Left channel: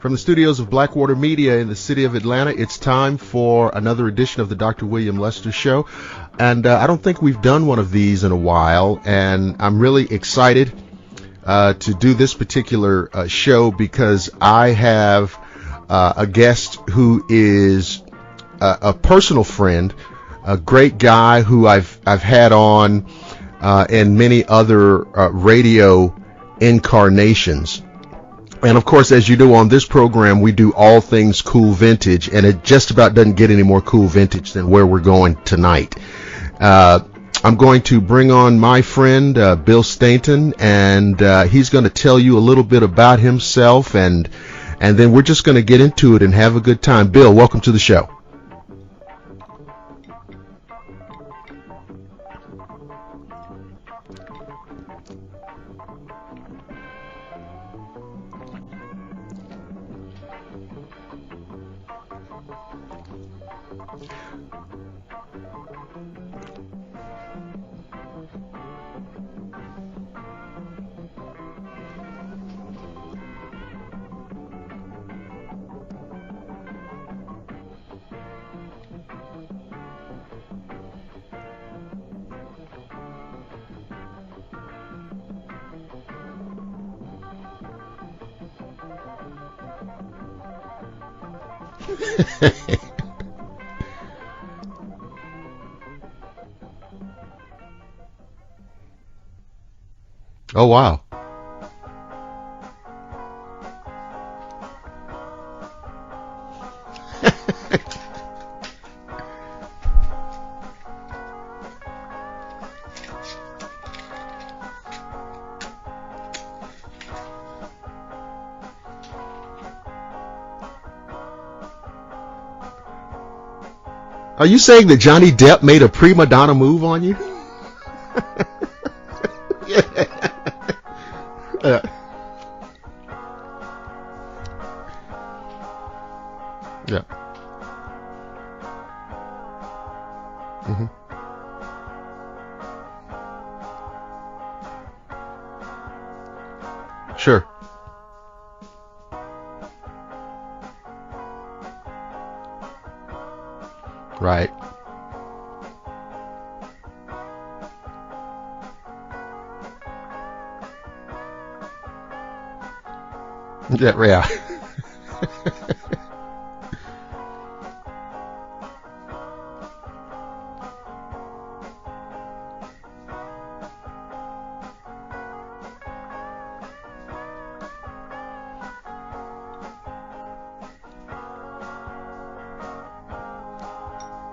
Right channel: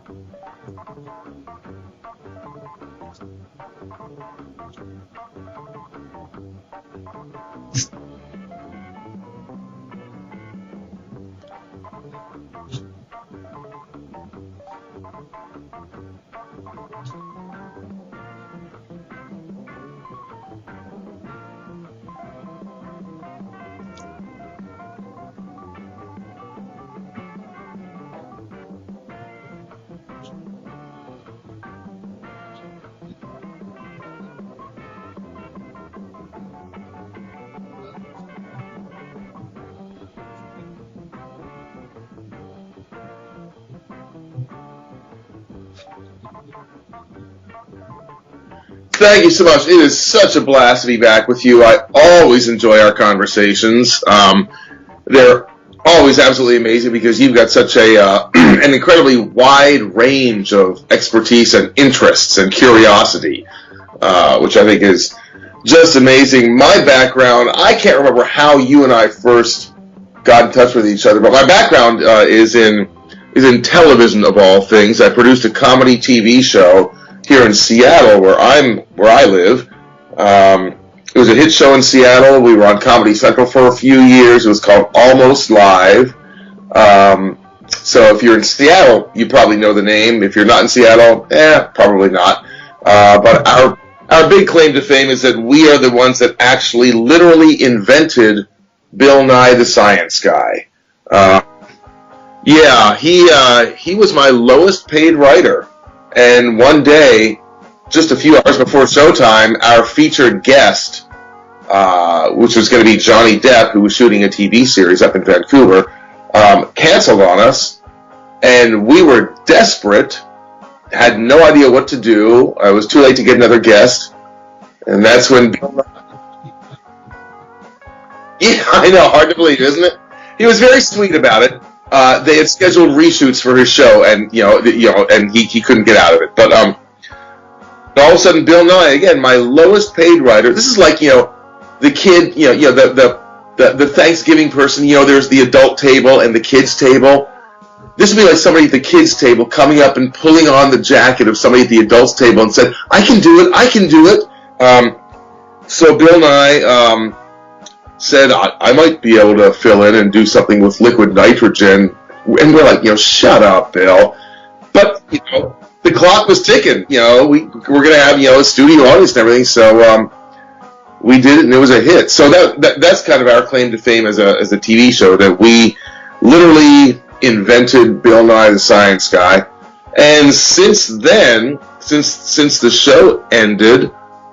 From the studios of Blackwater Media in the city of Atlanta, it's time for another edition of the Dr. William Lester Show. And I don't think we've done one of these in a while, and I'm really excited to do this particular show because I have a guest who is a personal friend, a great guy who I've had on in many other radio incarnations. And of course, as you do on this program, we do all things cool vintage, and it just about doesn't get any more cool vintage than where we're going tonight. I'm going to bring on my friend, Bill Stainton, and he's going to tell you a little bit about himself, and then we're just going to get into it and have a good time. Bill, welcome to the show. Thank you so much. It is such a blast to be back with you. I always enjoy our conversations. They're always absolutely amazing because you've got such an incredibly wide range of expertise and interests and curiosity, which I think is just amazing. My background, I can't remember how you and I first got in touch with each other, but my background is in television of all things. I produced a comedy TV show here in Seattle, where I live. It was a hit show in Seattle. We were on Comedy Central for a few years. It was called Almost Live. So if you're in Seattle, you probably know the name. If you're not in Seattle, probably not. But our big claim to fame is that we are the ones that actually literally invented Bill Nye the Science Guy. Oh, wow. Yeah, he was my lowest paid writer. And one day, just a few hours before showtime, our featured guest, which was going to be Johnny Depp, who was shooting a TV series up in Vancouver, canceled on us, and we were desperate, had no idea what to do. It was too late to get another guest. Are you saying that Johnny Depp made a prima donna move on you? Yeah, I know, hard to believe, isn't it? He was very sweet about it. They had scheduled reshoots for his show, and and he couldn't get out of it. But all of a sudden, Bill Nye, again, my lowest paid writer. This is like the kid, the Thanksgiving person. There's the adult table and the kids table. Sure. This would be like somebody at the kids table coming up and pulling on the jacket of somebody at the adults table and said, "I can do it. I can do it." Right. So Bill Nye said I might be able to fill in and do something with liquid nitrogen, and we're like, shut up, Bill. Yeah. But the clock was ticking. We're gonna have a studio audience and everything, so we did it, and it was a hit. So that's kind of our claim to fame as a TV show, that we literally invented Bill Nye the Science Guy. And since then, since the show ended,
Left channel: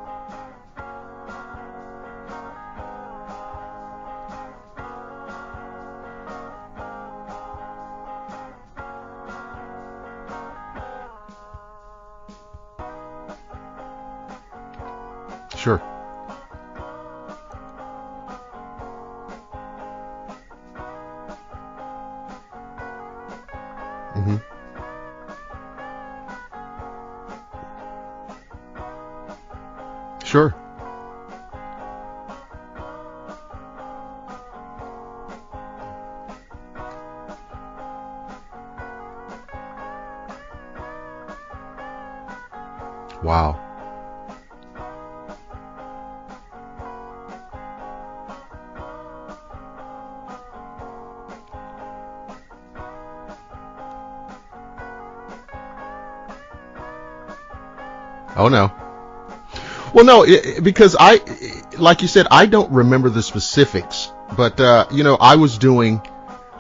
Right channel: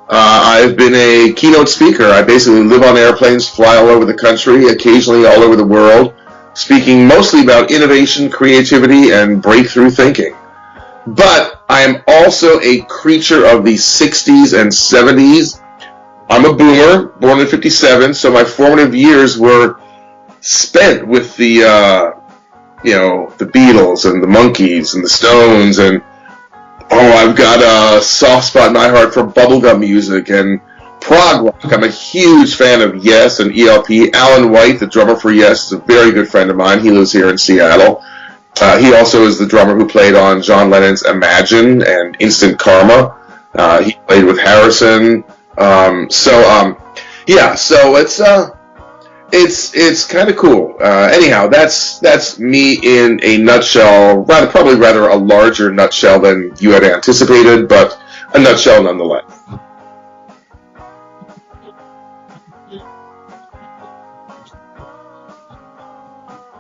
I've been a keynote speaker. I basically live on airplanes, fly all over the country, occasionally all over the world, speaking mostly about innovation, creativity, and breakthrough thinking. But I am also a creature of the 60s and 70s. Sure. I'm a boomer, born in 57, so my formative years were spent with the Beatles and the Monkees and the Stones, and I've got a soft spot in my heart for bubblegum music and prog rock. I'm a huge fan of Yes and ELP. Alan White, the drummer for Yes, is a very good friend of mine. He lives here in Seattle. He also is the drummer who played on John Lennon's Imagine and Instant Karma. Wow. He played with Harrison. So it's kind of cool. Anyhow, that's me in a nutshell. Probably rather a larger nutshell than you had anticipated, but a nutshell nonetheless. Well, no, because like you said, I don't remember the specifics, but I was doing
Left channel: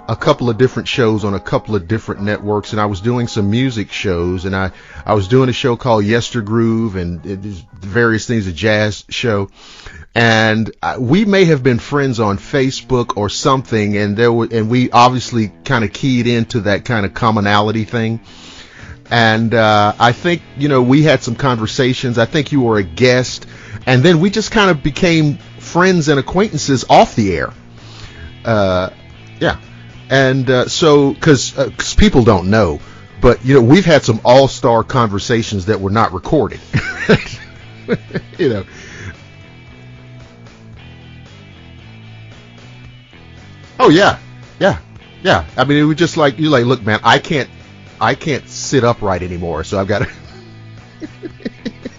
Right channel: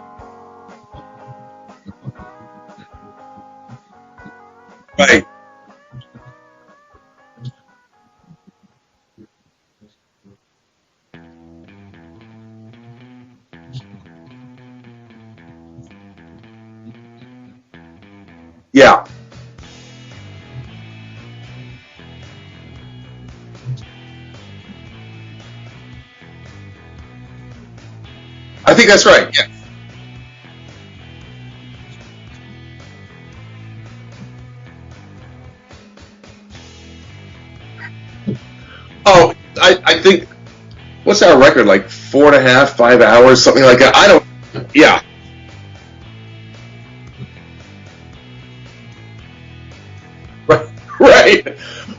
a couple of different shows on a couple of different networks, and I was doing some music shows, and I was doing a show called Yestergroove and various things, a jazz show. And we may have been friends on Facebook or something, and we obviously kind of keyed into that kind of commonality thing. Yeah. And I think we had some conversations. I think you were a guest, and then we just kind of became friends and acquaintances off the air. I think that's right. Yeah. And so, because people don't know, but we've had some all-star conversations that were not recorded. Oh, I think, what's our record, like 4.5, 5 hours, something like that? Yeah. I mean, it was just like, look, man, I can't I can't sit upright anymore, so I've got to. Right.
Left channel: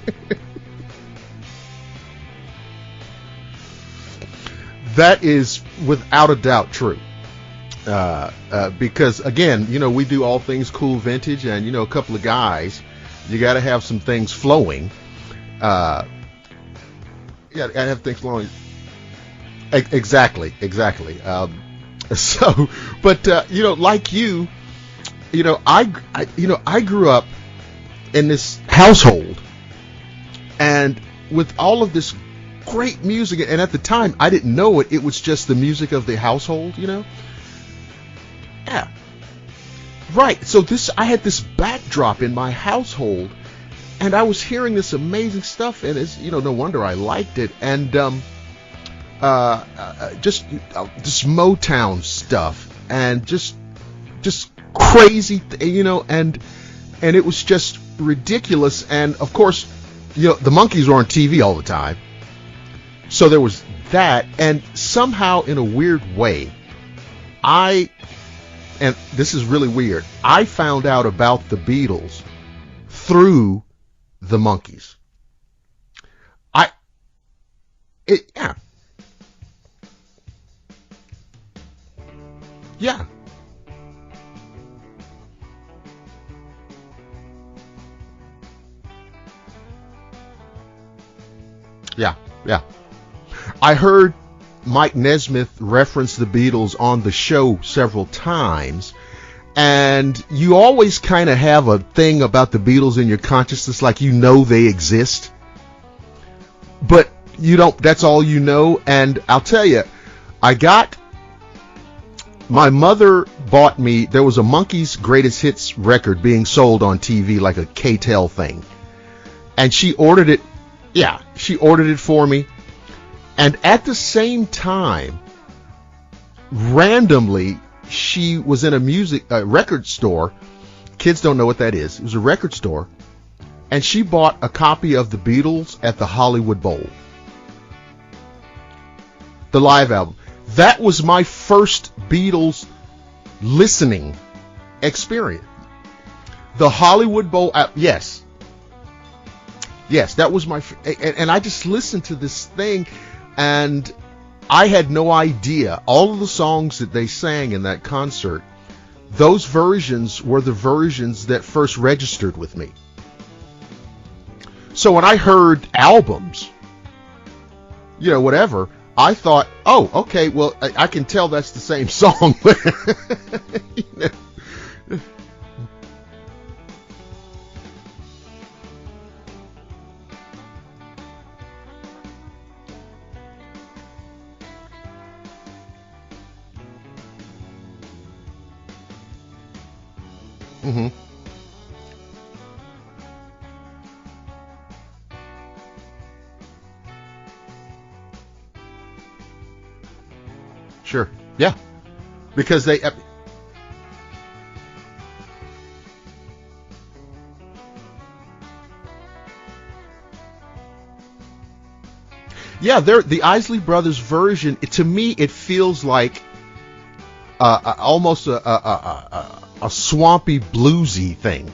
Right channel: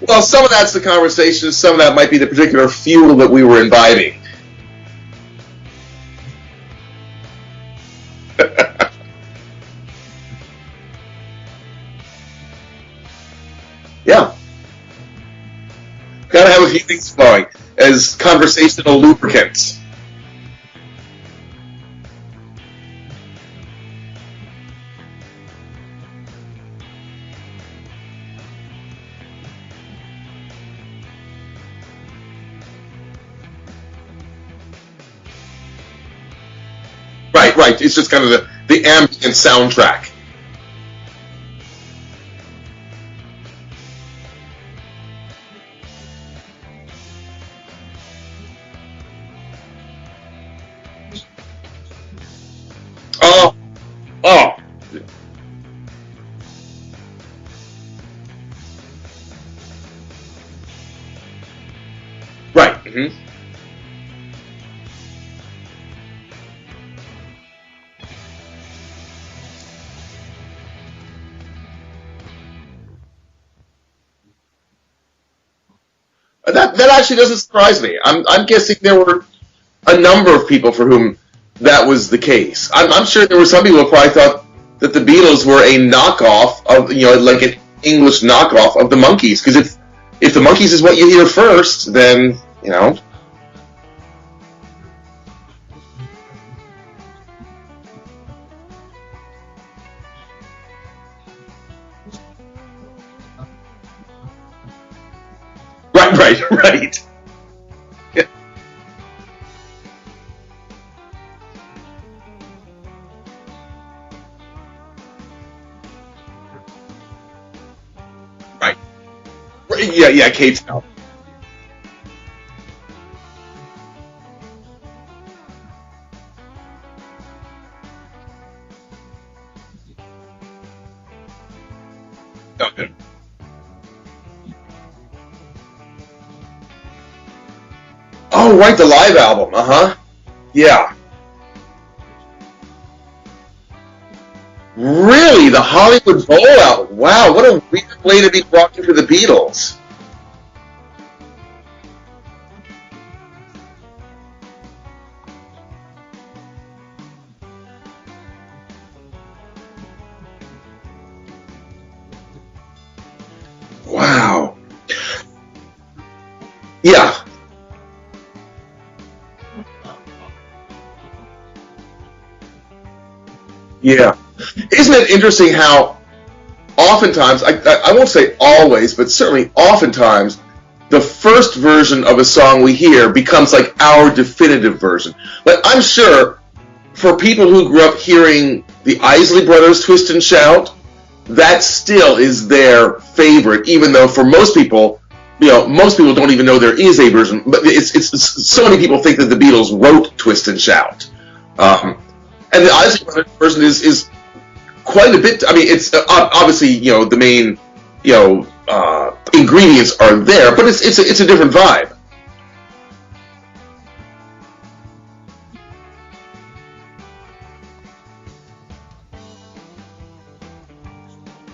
Well, some of that's the conversation. Some of that might be the particular fuel that we were imbibing. That is without a doubt true. Because again, we do all things cool vintage, and a couple of guys, you got to have some things flowing. Got to have a few things flowing as conversational lubricants. Exactly. So, but like you, I grew up in this household, and with all of this great music, and at the time I didn't know it was just the music of the household. Right. It's just kind of the ambient soundtrack. Right. So I had this backdrop in my household, and I was hearing this amazing stuff, and it's no wonder I liked it. And just this Motown stuff, and crazy, and it was just ridiculous. And of course, the Monkees were on TV all the time. Right. Mm-hmm. So there was that, and somehow in a weird way, and this is really weird, I found out about the Beatles through the Monkees. That actually doesn't surprise me. I'm guessing there were a number of people for whom that was the case. I'm sure there were some people who probably thought that the Beatles were a knockoff of, like an English knockoff of the Monkees. Because if the Monkees is what you hear first, then, I heard Mike Nesmith reference the Beatles on the show several times, and you always kind of have a thing about the Beatles in your consciousness, like they exist. Right. But you don't, that's all you know. And I'll tell you, my mother bought me, there was a Monkees Greatest Hits record being sold on TV, like a K-Tel thing. Right. And she ordered it. K-Tel. Yeah, she ordered it for me. And at the same time, randomly, she was in a record store. Kids don't know what that is. It was a record store. Okay. And she bought a copy of the Beatles at the Hollywood Bowl. Oh, right, the live album. The live album. That was my first Beatles listening. Really? The Hollywood Bowl? Wow, what a yes. way to be brought into the Beatles. Yes, that was and I just listened to this thing, and I had no idea. All of the songs that they sang in that concert, those versions were the versions that first registered with me. Wow. So when I heard albums, whatever, I thought, oh, okay, well, I can tell that's the same song. Yeah. Isn't it interesting how oftentimes, I won't say always, but certainly oftentimes, the first version of a song we hear becomes like our definitive version. Like, I'm sure for people who grew up hearing the Isley Brothers Twist and Shout, that still is their favorite, even though for most people, most people don't even know there is a version. But it's so many people think that the Beatles wrote Twist and Shout. Sure. Yeah. Because the Isley Brothers version is quite a bit. I mean, it's obviously the main ingredients are there, but it's a different vibe. Yeah, the Isley Brothers version. To me, it feels like almost a swampy bluesy thing.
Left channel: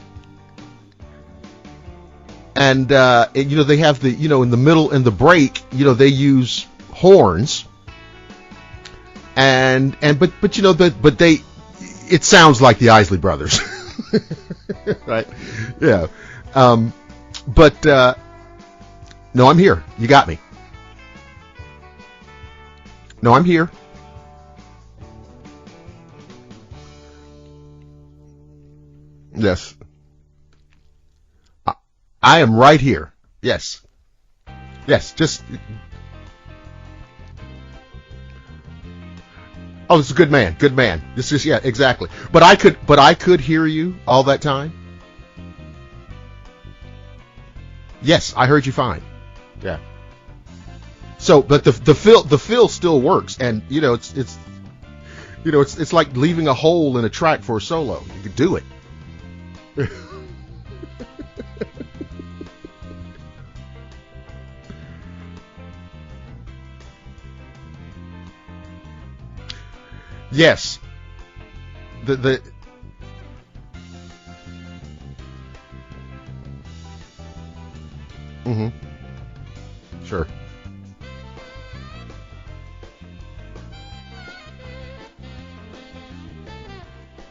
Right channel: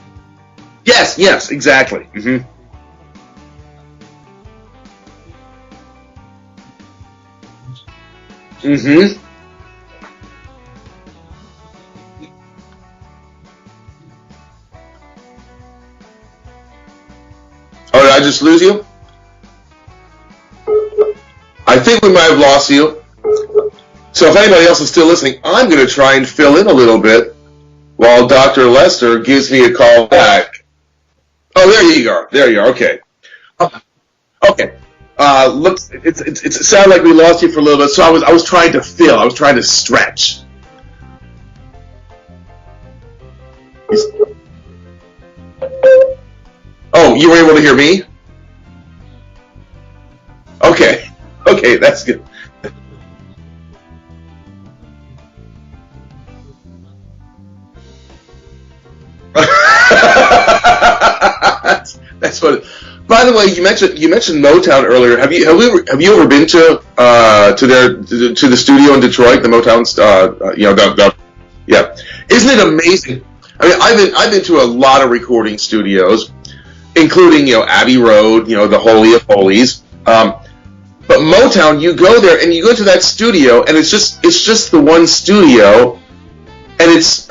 Yes, exactly. Mm-hmm. And they have the in the middle, in the break, they use horns. Mm-hmm. But it sounds like the Isley Brothers. Right? Yeah. Did I just lose you? No, I'm here. You got me. I think we might have lost you. No, I'm here. So if anybody else is still listening, I'm going to try and fill in a little bit while Dr. Lester gives me a call back. Oh, there you go. I'm right here. Yes. Okay. Yes. It sounded like we lost you for a little bit, so I was trying to fill. I was trying to stretch. Oh, good man. This is exactly. But I could hear you all that time. Oh, you were able to hear me? Yes, I heard you fine. Yeah. Okay. So the fill still works, and it's like leaving a hole in a track for a solo. You could do it. That's what. By the way, you mentioned Motown earlier. Have you ever been to the studio in Detroit, the Motown? Yes. Yeah. Isn't it amazing? I mean, I've been to a lot of recording studios, including Abbey Road, the Holy of Holies. But Motown, you go there and you go to that studio, and it's just the one studio, and it's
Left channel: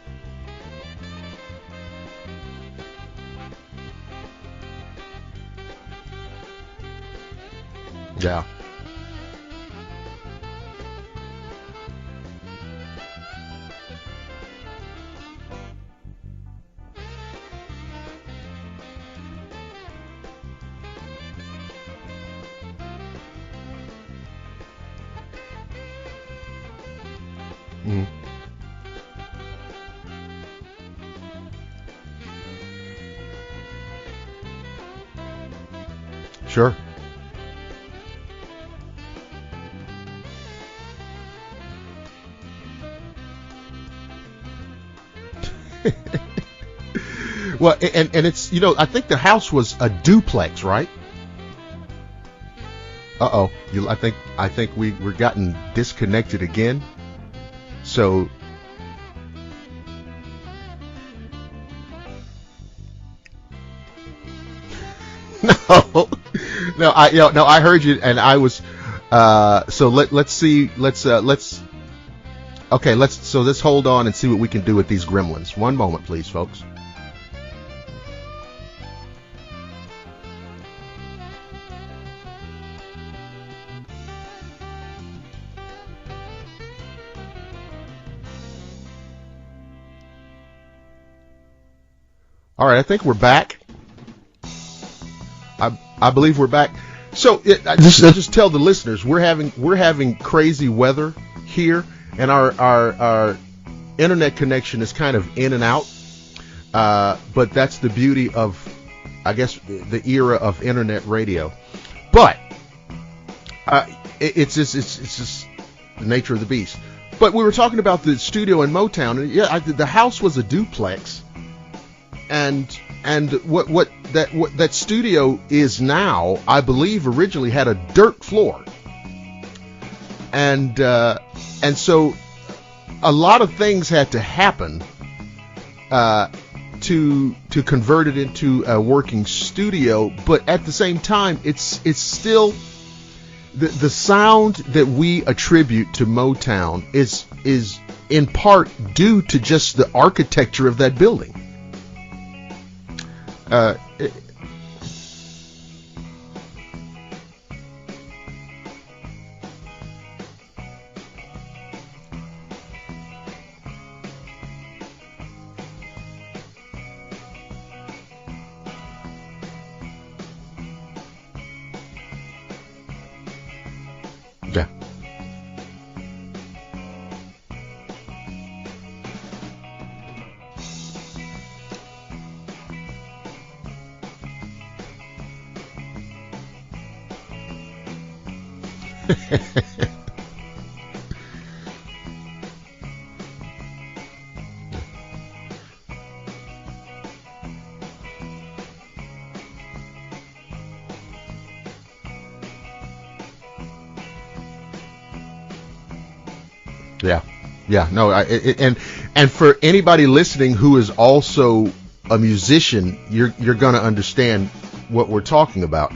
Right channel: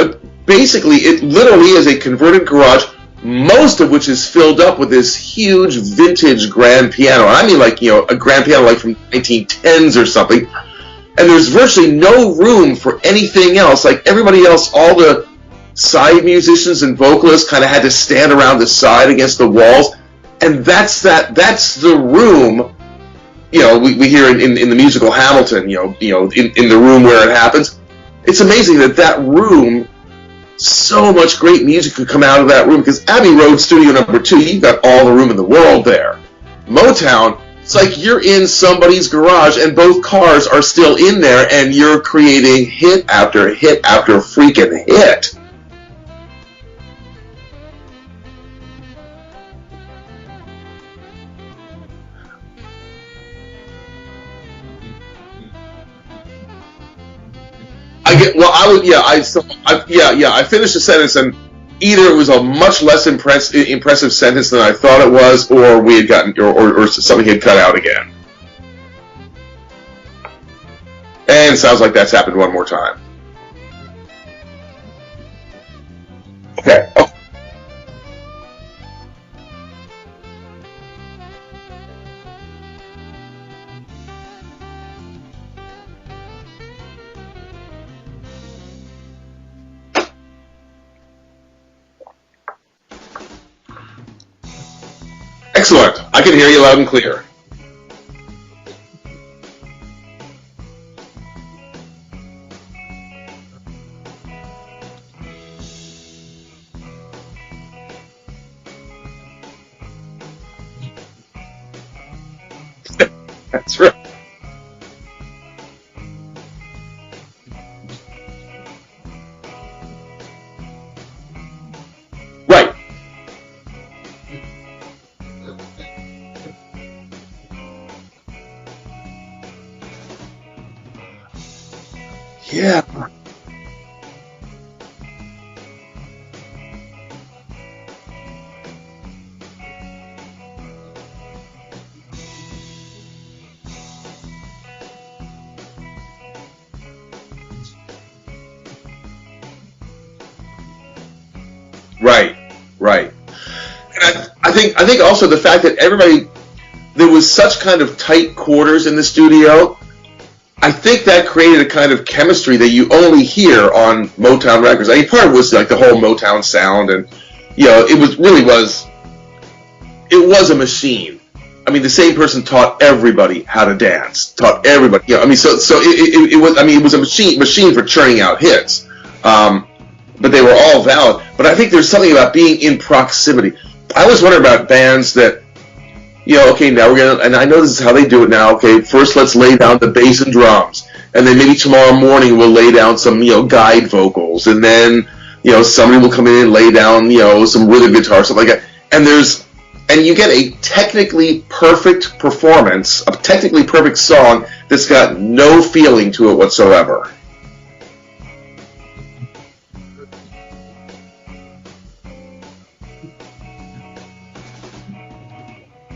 basically, it literally is a converted garage, most of which is filled up with this huge vintage grand piano. And I mean, like, a grand piano like from 1910s or something. And there's virtually no room for anything else. Like everybody else, all the side musicians and vocalists kind of had to stand around the side against the walls. And that's the room. We hear in the musical Hamilton, in the room where it happens. It's amazing that room, so much great music could come out of that room, because Abbey Road Studio Number 2, you've got all the room in the world there. Sure. Motown, it's like you're in somebody's garage and both cars are still in there, and you're creating hit after hit after freaking hit. Well, and it's, I think the house was a duplex, right? Uh-oh. I think we're gotten disconnected again. So I finished the sentence, and either it was a much less impressive sentence than I thought it was, or we had gotten something had cut out again. And I was so let's see. Let's and it sounds like that's happened one more time. Okay, let's hold on and see what we can do with these gremlins. One moment, please, folks. Okay. Oh. All right, I think we're back. Excellent. I can hear you loud and clear. So I just tell the listeners we're having crazy weather here, and our internet connection is kind of in and out. But that's the beauty of, I guess, the era of internet radio. But right. It's just the nature of the beast. But we were talking about the studio in Motown, and the house was a duplex. And, right. And what that studio is now, I believe, originally had a dirt floor. And so a lot of things had to happen to convert it into a working studio. But at the same time, it's still the sound that we attribute to Motown is in part due to just the architecture of that building. Right. And I think also the fact that there was such kind of tight quarters in the studio. I think that created a kind of chemistry that you only hear on Motown records. I mean, part of it was like the whole Motown sound, and it was a machine. I mean, the same person taught everybody how to dance. Everybody. I mean, so it was a machine for churning out hits. But they were all valid. But I think there's something about being in proximity. I always wonder about bands that, okay, now we're going to, and I know this is how they do it now, okay, first let's lay down the bass and drums, and then maybe tomorrow morning we'll lay down some, guide vocals, and then, somebody will come in and lay down, some rhythm guitar, something like that. And you get a technically perfect performance, a technically perfect song that's got no feeling to it whatsoever. Yeah, no, and for anybody listening who is also a musician, you're going to understand what we're talking about.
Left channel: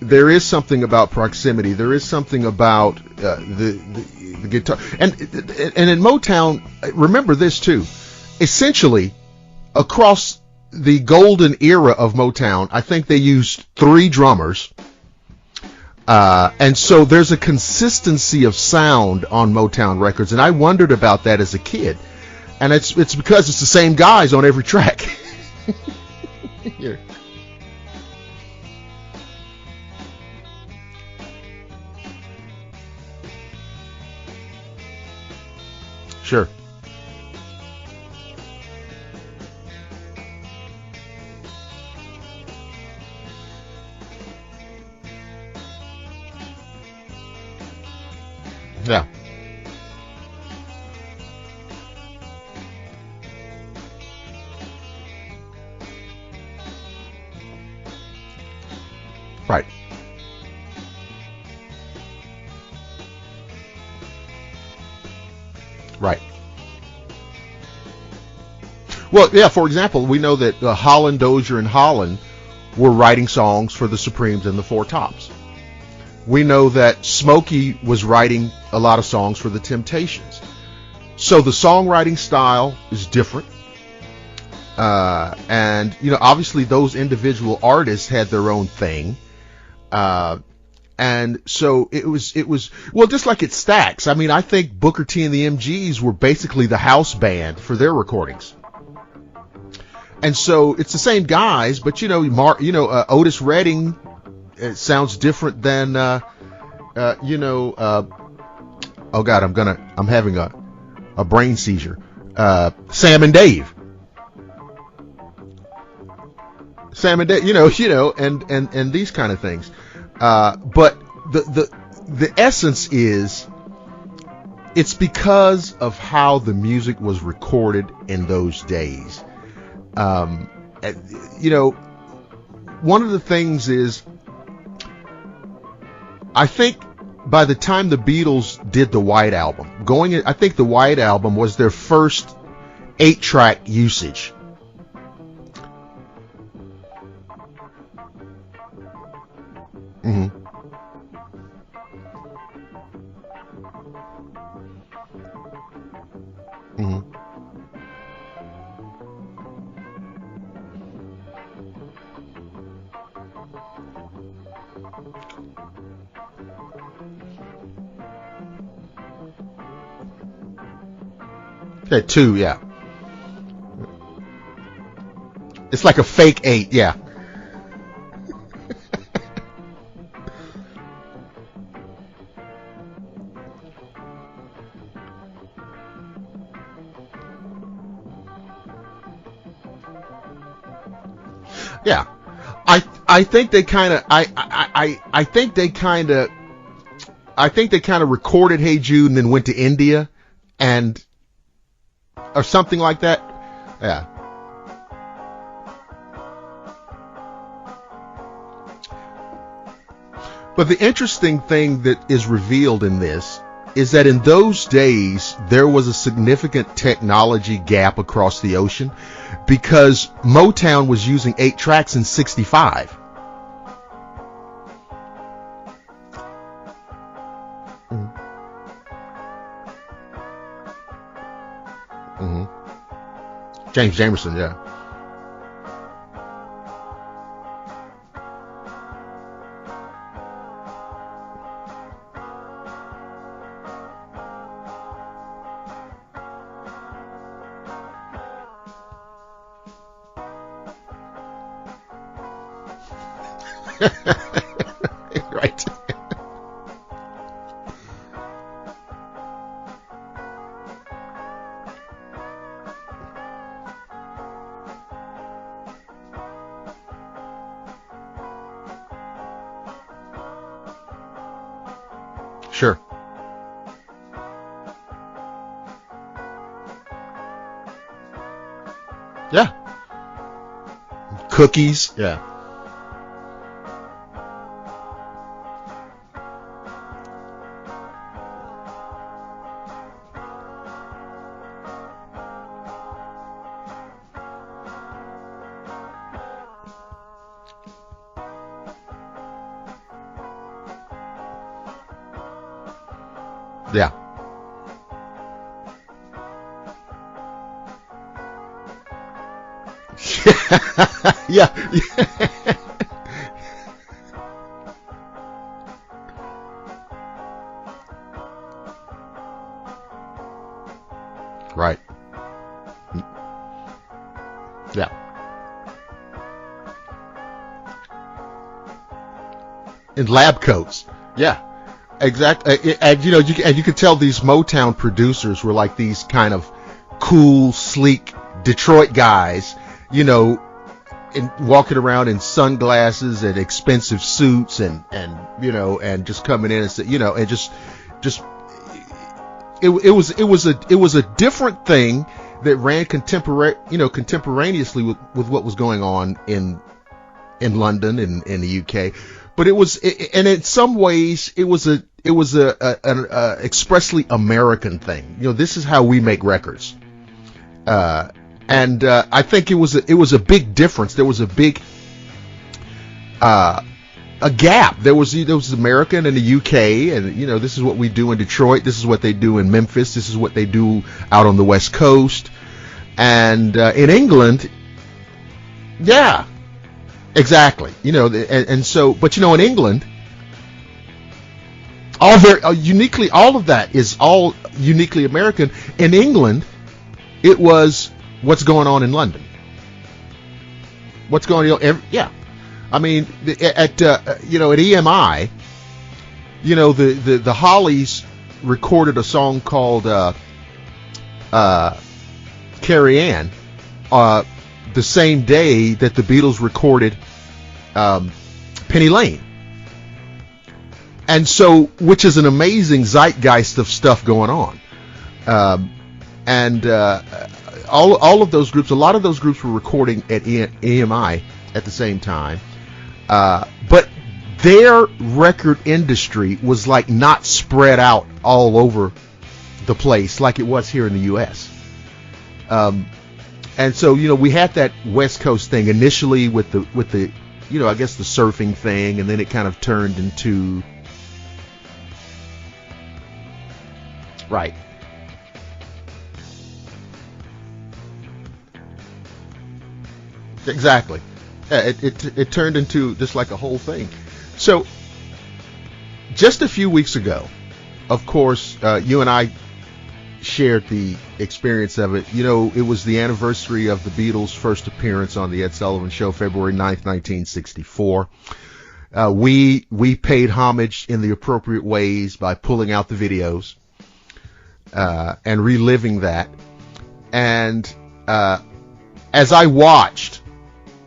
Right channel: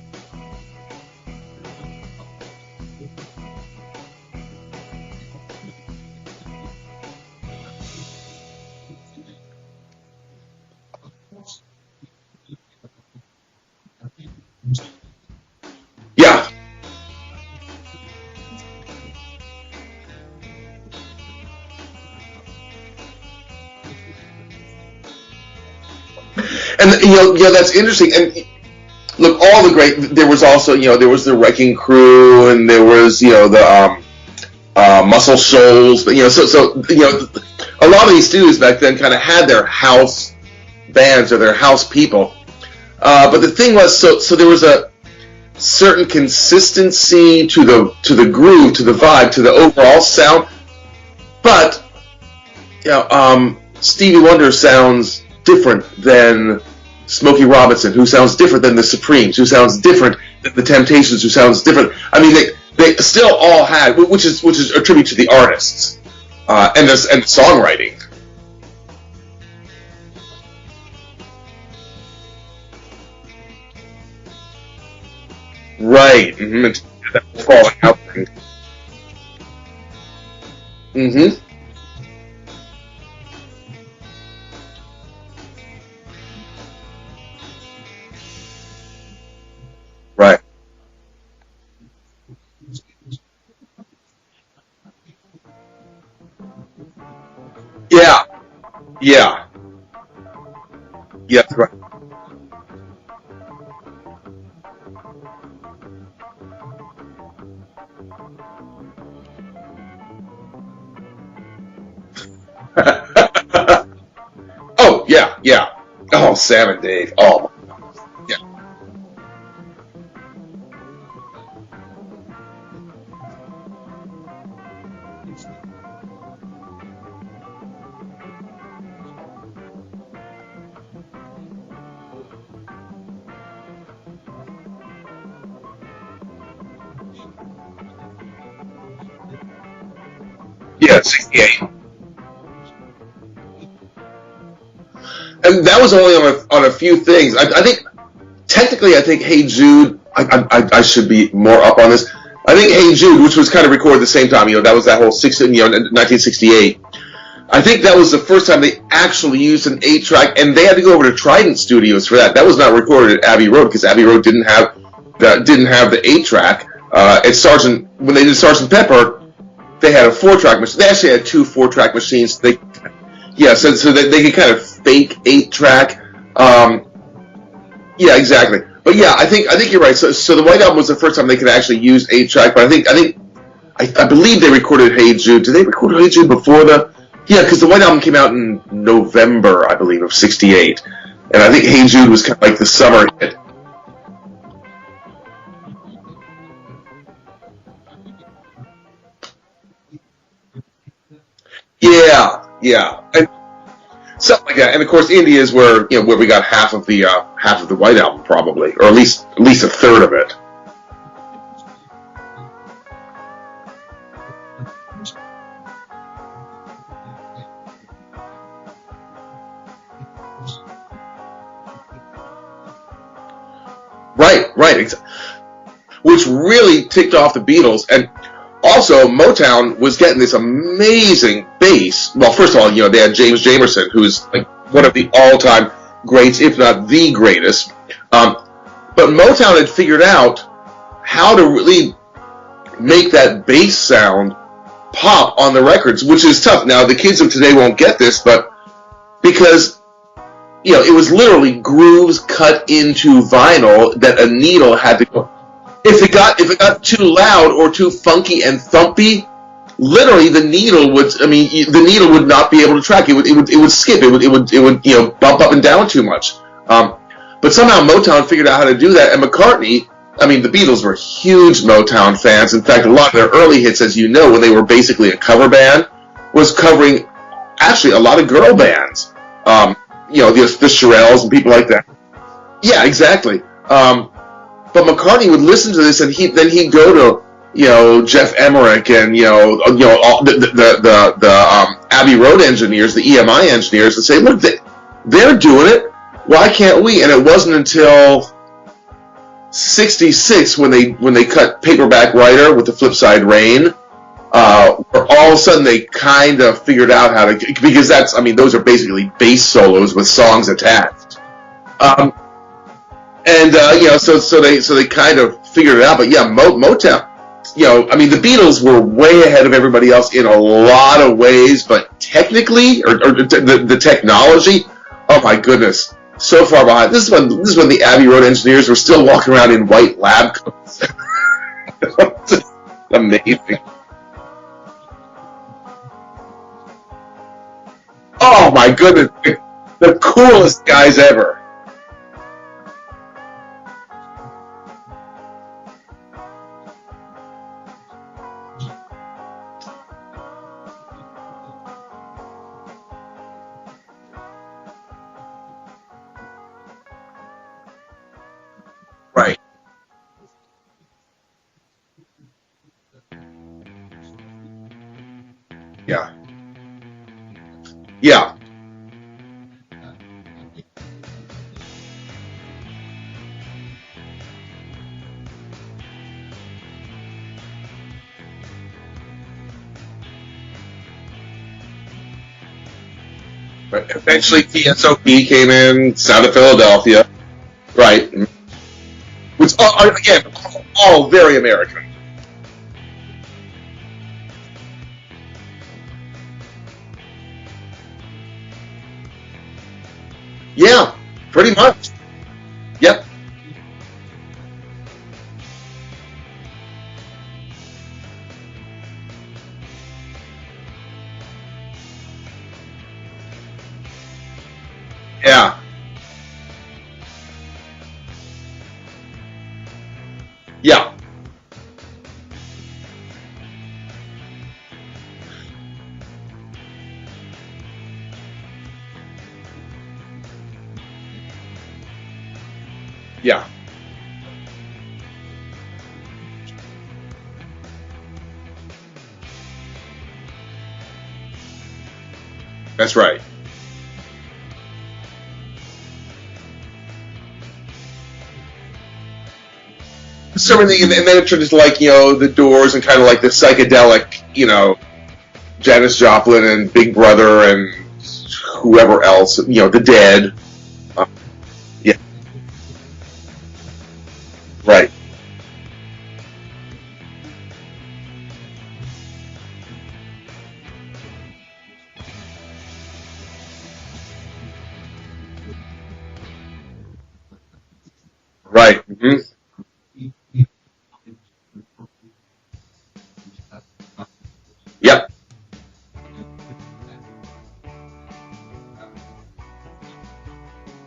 There is something about proximity. There is something about the guitar, and in Motown. Remember this too. Essentially, across the golden era of Motown, I think they used 3 drummers. And so there's a consistency of sound on Motown records, and I wondered about that as a kid. And it's because it's the same guys on every track. And that's interesting. And look, all the great. There was also there was the Wrecking Crew, and there was the Muscle Shoals. But so a lot of these studios back then kind of had their house bands or their house people. But the thing was, so there was a certain consistency to the groove, to the vibe, to the overall sound. But Stevie Wonder sounds different than Smokey Robinson, who sounds different than the Supremes, who sounds different than the Temptations, who sounds different. I mean, they still all had, which is a tribute to the artists, right? And the songwriting. Well, yeah. For example, we know that Holland, Dozier, and Holland were writing songs for the Supremes and the Four Tops. Right. We know that Smokey was writing a lot of songs for the Temptations. Mm-hmm. So the songwriting style is different. And, obviously those individual artists had their own thing. Right. And so it was, well, just like it Stax. I mean, I think Booker T and the MGs were basically the house band for their recordings. Yeah. And so it's the same guys, but Otis Redding, it sounds different than, oh God, I'm having a brain seizure. Sam and Dave. Oh yeah. Oh, Sam and Dave. Dave, and these kind of things. But the essence is, it's because of how the music was recorded in those days. One of the things is, I think by the time the Beatles did the White Album, I think the White Album was their first 8-track usage. And that was only on a few things. I think, technically, Hey Jude, I should be more up on this. I think Hey Jude, which was kind of recorded at the same time, that was that whole 1968. I think that was the first time they actually used an 8-track, and they had to go over to Trident Studios for that. That was not recorded at Abbey Road, because Abbey Road didn't have the 8-track. When they did Sgt. Pepper, they had a 4-track machine. They actually had 2 4-track machines. So that they could kind of fake 8-track. It's like a fake, Yeah, exactly. But yeah, I think you're right. So the White Album was the first time they could actually use 8-track. But I believe they recorded Hey Jude. Did they record Hey Jude before the? Yeah, because the White Album came out in November, I believe, of '68, and I think Hey Jude was kind of like the summer. I think they kind of. I think they kind of recorded Hey Jude and then went to India, and or something like that. Something like that. And of course, India is where we got half of the White Album, probably, or at least a third of it. But the interesting thing that is revealed in this is that in those days there was a significant technology gap across the ocean, because Motown was using 8 tracks in '65. Right. Which really ticked off the Beatles. And also, Motown was getting this amazing bass. Well, first of all, they had James Jamerson, who's one of the all-time greats, if not the greatest. But Motown had figured out how to really make that bass sound pop on the records, which is tough. Now, the kids of today won't get this, but because it was literally grooves cut into vinyl that a needle had to go. Right. If it got too loud or too funky and thumpy, literally the needle would not be able to track. It would skip. It would bump up and down too much. But somehow Motown figured out how to do that, and McCartney. I mean, the Beatles were huge Motown fans. In fact, a lot of their early hits, as you know, when they were basically a cover band, was covering actually a lot of girl bands. Yeah. The Shirelles and people like that. Yeah, exactly. But McCartney would listen to this, and he'd go to Jeff Emmerich and the Abbey Road engineers, the EMI engineers, and say, look, they're doing it. Why can't we? And it wasn't until '66 when they cut Paperback Writer with the Flipside Rain. Yeah. Where all of a sudden they kind of figured out how to, because those are basically bass solos with songs attached. Yeah. So they kind of figured it out. But yeah, Motown, the Beatles were way ahead of everybody else in a lot of ways, right. But technically, or the technology, oh my goodness, so far behind. This is when the Abbey Road engineers were still walking around in white lab coats. Yeah. Exactly, and you could tell these Motown producers were like these kind of cool, sleek Detroit guys. The coolest guys ever. Walking around in sunglasses and expensive suits and just coming in and and just it was a different thing that ran contemporaneously with what was going on in London and in the UK, right? But and in some ways it was an expressly American thing. This is how we make records, And I think it was a big difference. There was a big a gap. There was American and the UK, and this is what we do in Detroit. This is what they do in Memphis. This is what they do out on the West Coast. And in England, eventually TSOP came in, south of Philadelphia. Exactly. Right. And so, but in England, again, all very American. All very uniquely. All of that is all uniquely American. In England, it was what's going on in London. Yeah. What's going on? Much. Yeah. I mean, at EMI, the Hollies recorded a song called Carrie Ann the same day that the Beatles recorded Penny Lane. Yeah. And so, which is an amazing zeitgeist of stuff going on. All of those groups, a lot of those groups were recording at EMI at the same time. But their record industry was like not spread out all over the place like it was here in the U.S. That's right. And so, we had that West Coast thing initially with the I guess the surfing thing, and then it kind of turned into surfing thing, and then it turned into like the Doors and kind of like the psychedelic, right. Janis Joplin and Big Brother and whoever else, the Dead. Exactly. It turned into just like a whole thing. So, right. Just a few weeks ago, of course, you and I shared the experience of it. It was the anniversary of the Beatles' first appearance on the Ed Sullivan Show, February 9th, 1964. Right. We paid homage in the appropriate ways by pulling out the videos and reliving that. And as I watched,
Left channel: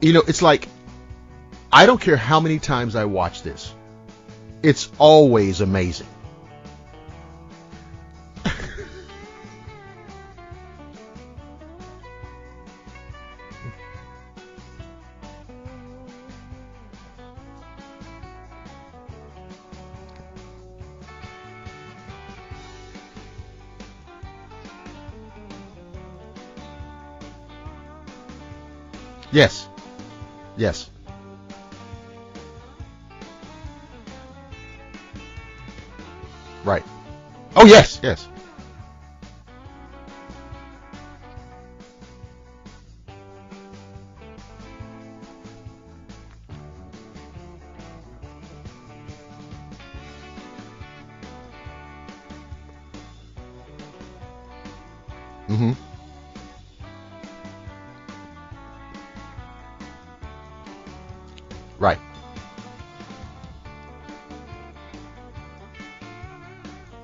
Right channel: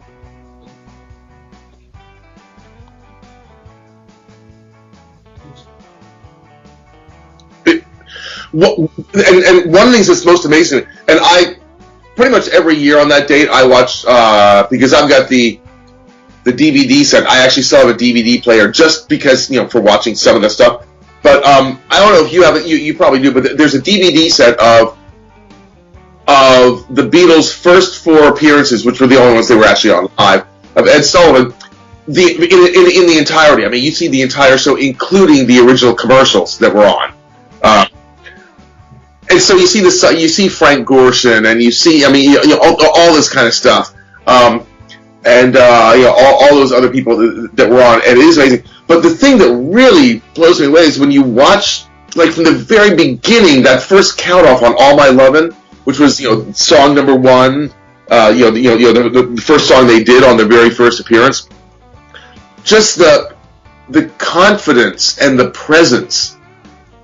it's like, I don't care how many times I watch this, it's always amazing. And one of the things that's most amazing, and I pretty much every year on that date I watch because I've got the DVD set. I actually still have a DVD player just because for watching some of the stuff. But I don't know if you have it. You probably do. But there's a DVD set of the Beatles' first 4 appearances, which were the only ones they were actually on live. Yes. Of Ed Sullivan. In the entirety. I mean, you see the entire show, including the original commercials that were on. Oh yes. And so you see Frank Gorshin, and you see, all this kind of stuff, all those other people that were on, and it is amazing. But the thing that really blows me away is when you watch, like from the very beginning, that first count off on "All My Lovin'," which was song number 1, the first song they did on their very first appearance. Right. Just the confidence and the presence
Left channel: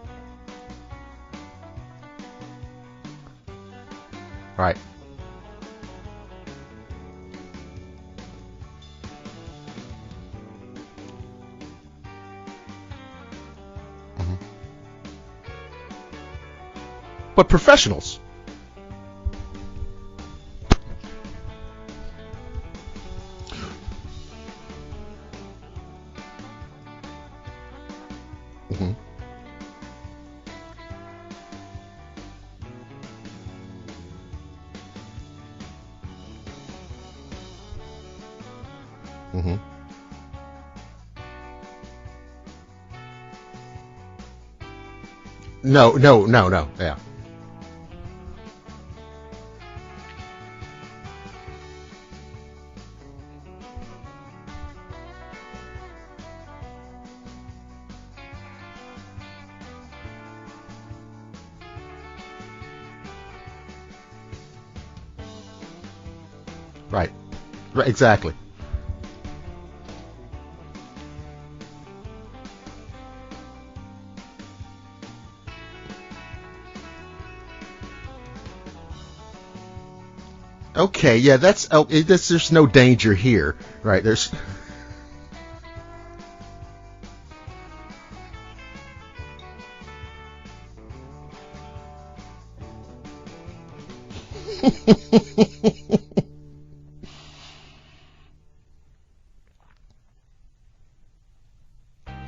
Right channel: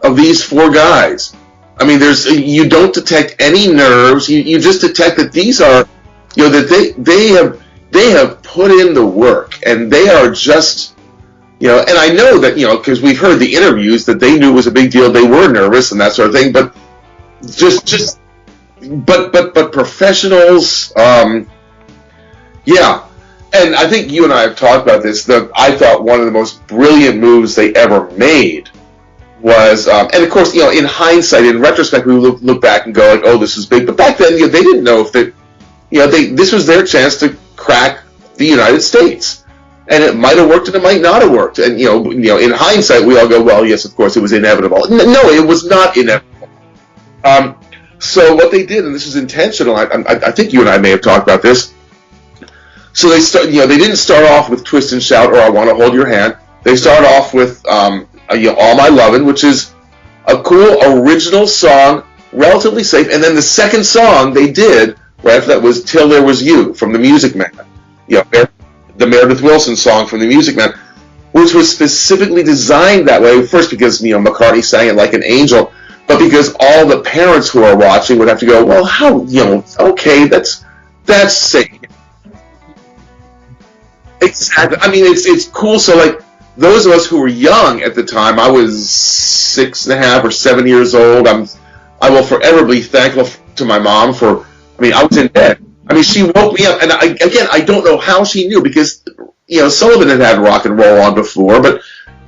of these 4 guys. I mean, you don't detect any nerves. You just detect that these are, that they have put in the work, and they are just, and I know that, because we've heard the interviews that they knew it was a big deal. They were nervous and that sort of thing, but professionals. But professionals, yeah. And I think you and I have talked about this. I thought one of the most brilliant moves they ever made. Was and of course, in hindsight, in retrospect, we look back and go like, "Oh, this is big." But back then, they didn't know if this was their chance to crack the United States, and it might have worked and it might not have worked. And in hindsight, we all go, "Well, yes, of course, it was inevitable." No, it was not inevitable. No, yeah. So what they did, and this is intentional. I think you and I may have talked about this. So they they didn't start off with "Twist and Shout" or "I Want to Hold Your Hand." They started off with "All My Lovin'," which is a cool original song, relatively safe. And then the second song they did right after that was "Till There Was You" from the Music Man. Right, exactly. The Meredith Willson song from the Music Man, which was specifically designed that way. First because McCartney sang it like an angel, but because all the parents who are watching would have to go, well, how okay, that's safe. There's no danger here, right? Exactly. I mean, it's cool. So like, those of us who were young at the time, I was 6.5 or 7 years old. I will forever be thankful to my mom for. I mean, I was in bed. I mean, she woke me up, and I don't know how she knew because Sullivan had rock and roll on before, but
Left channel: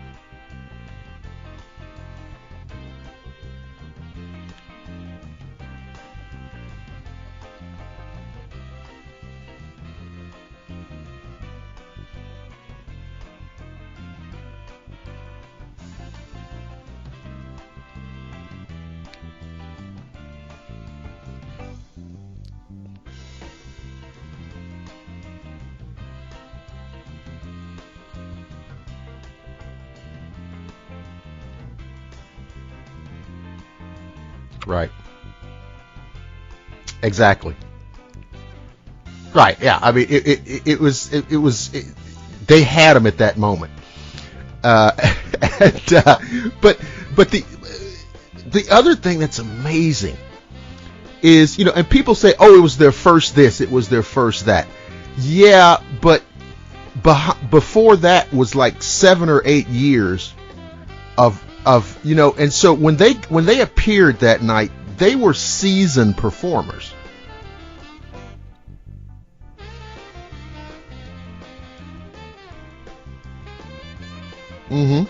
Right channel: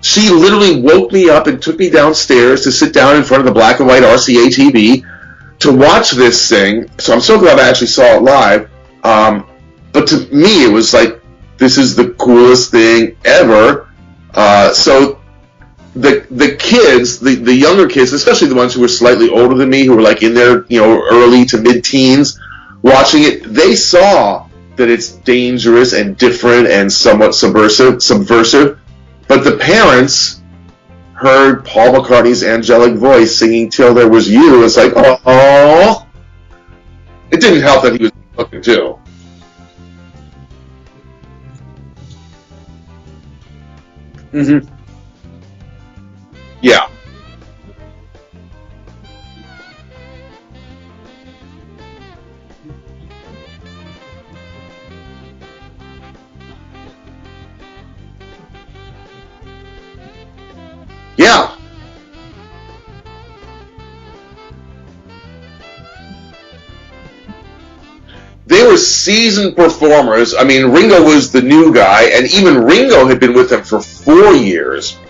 she literally woke me up and took me downstairs to sit down in front of the black and white RCA TV to watch this thing. So I'm so glad I actually saw it live. But to me, it was like, this is the coolest thing ever. So the kids, the younger kids, especially the ones who were slightly older than me, who were like in their early to mid-teens, watching it, they saw that it's dangerous and different and somewhat subversive. But the parents heard Paul McCartney's angelic voice singing "Till There Was You." It's like, oh, exactly. It didn't help that he was looking too. Right. Yeah. I mean, it was. They had him at that moment. Mm-hmm. But the other thing that's amazing is, and people say, oh, it was their first this, it was their first that. Yeah, but before that was like 7 or 8 years. Of and so when they appeared that night, they were seasoned performers. They were seasoned performers. I mean, Ringo was the new guy, and even Ringo had been with them for 4 years. Mm-hmm.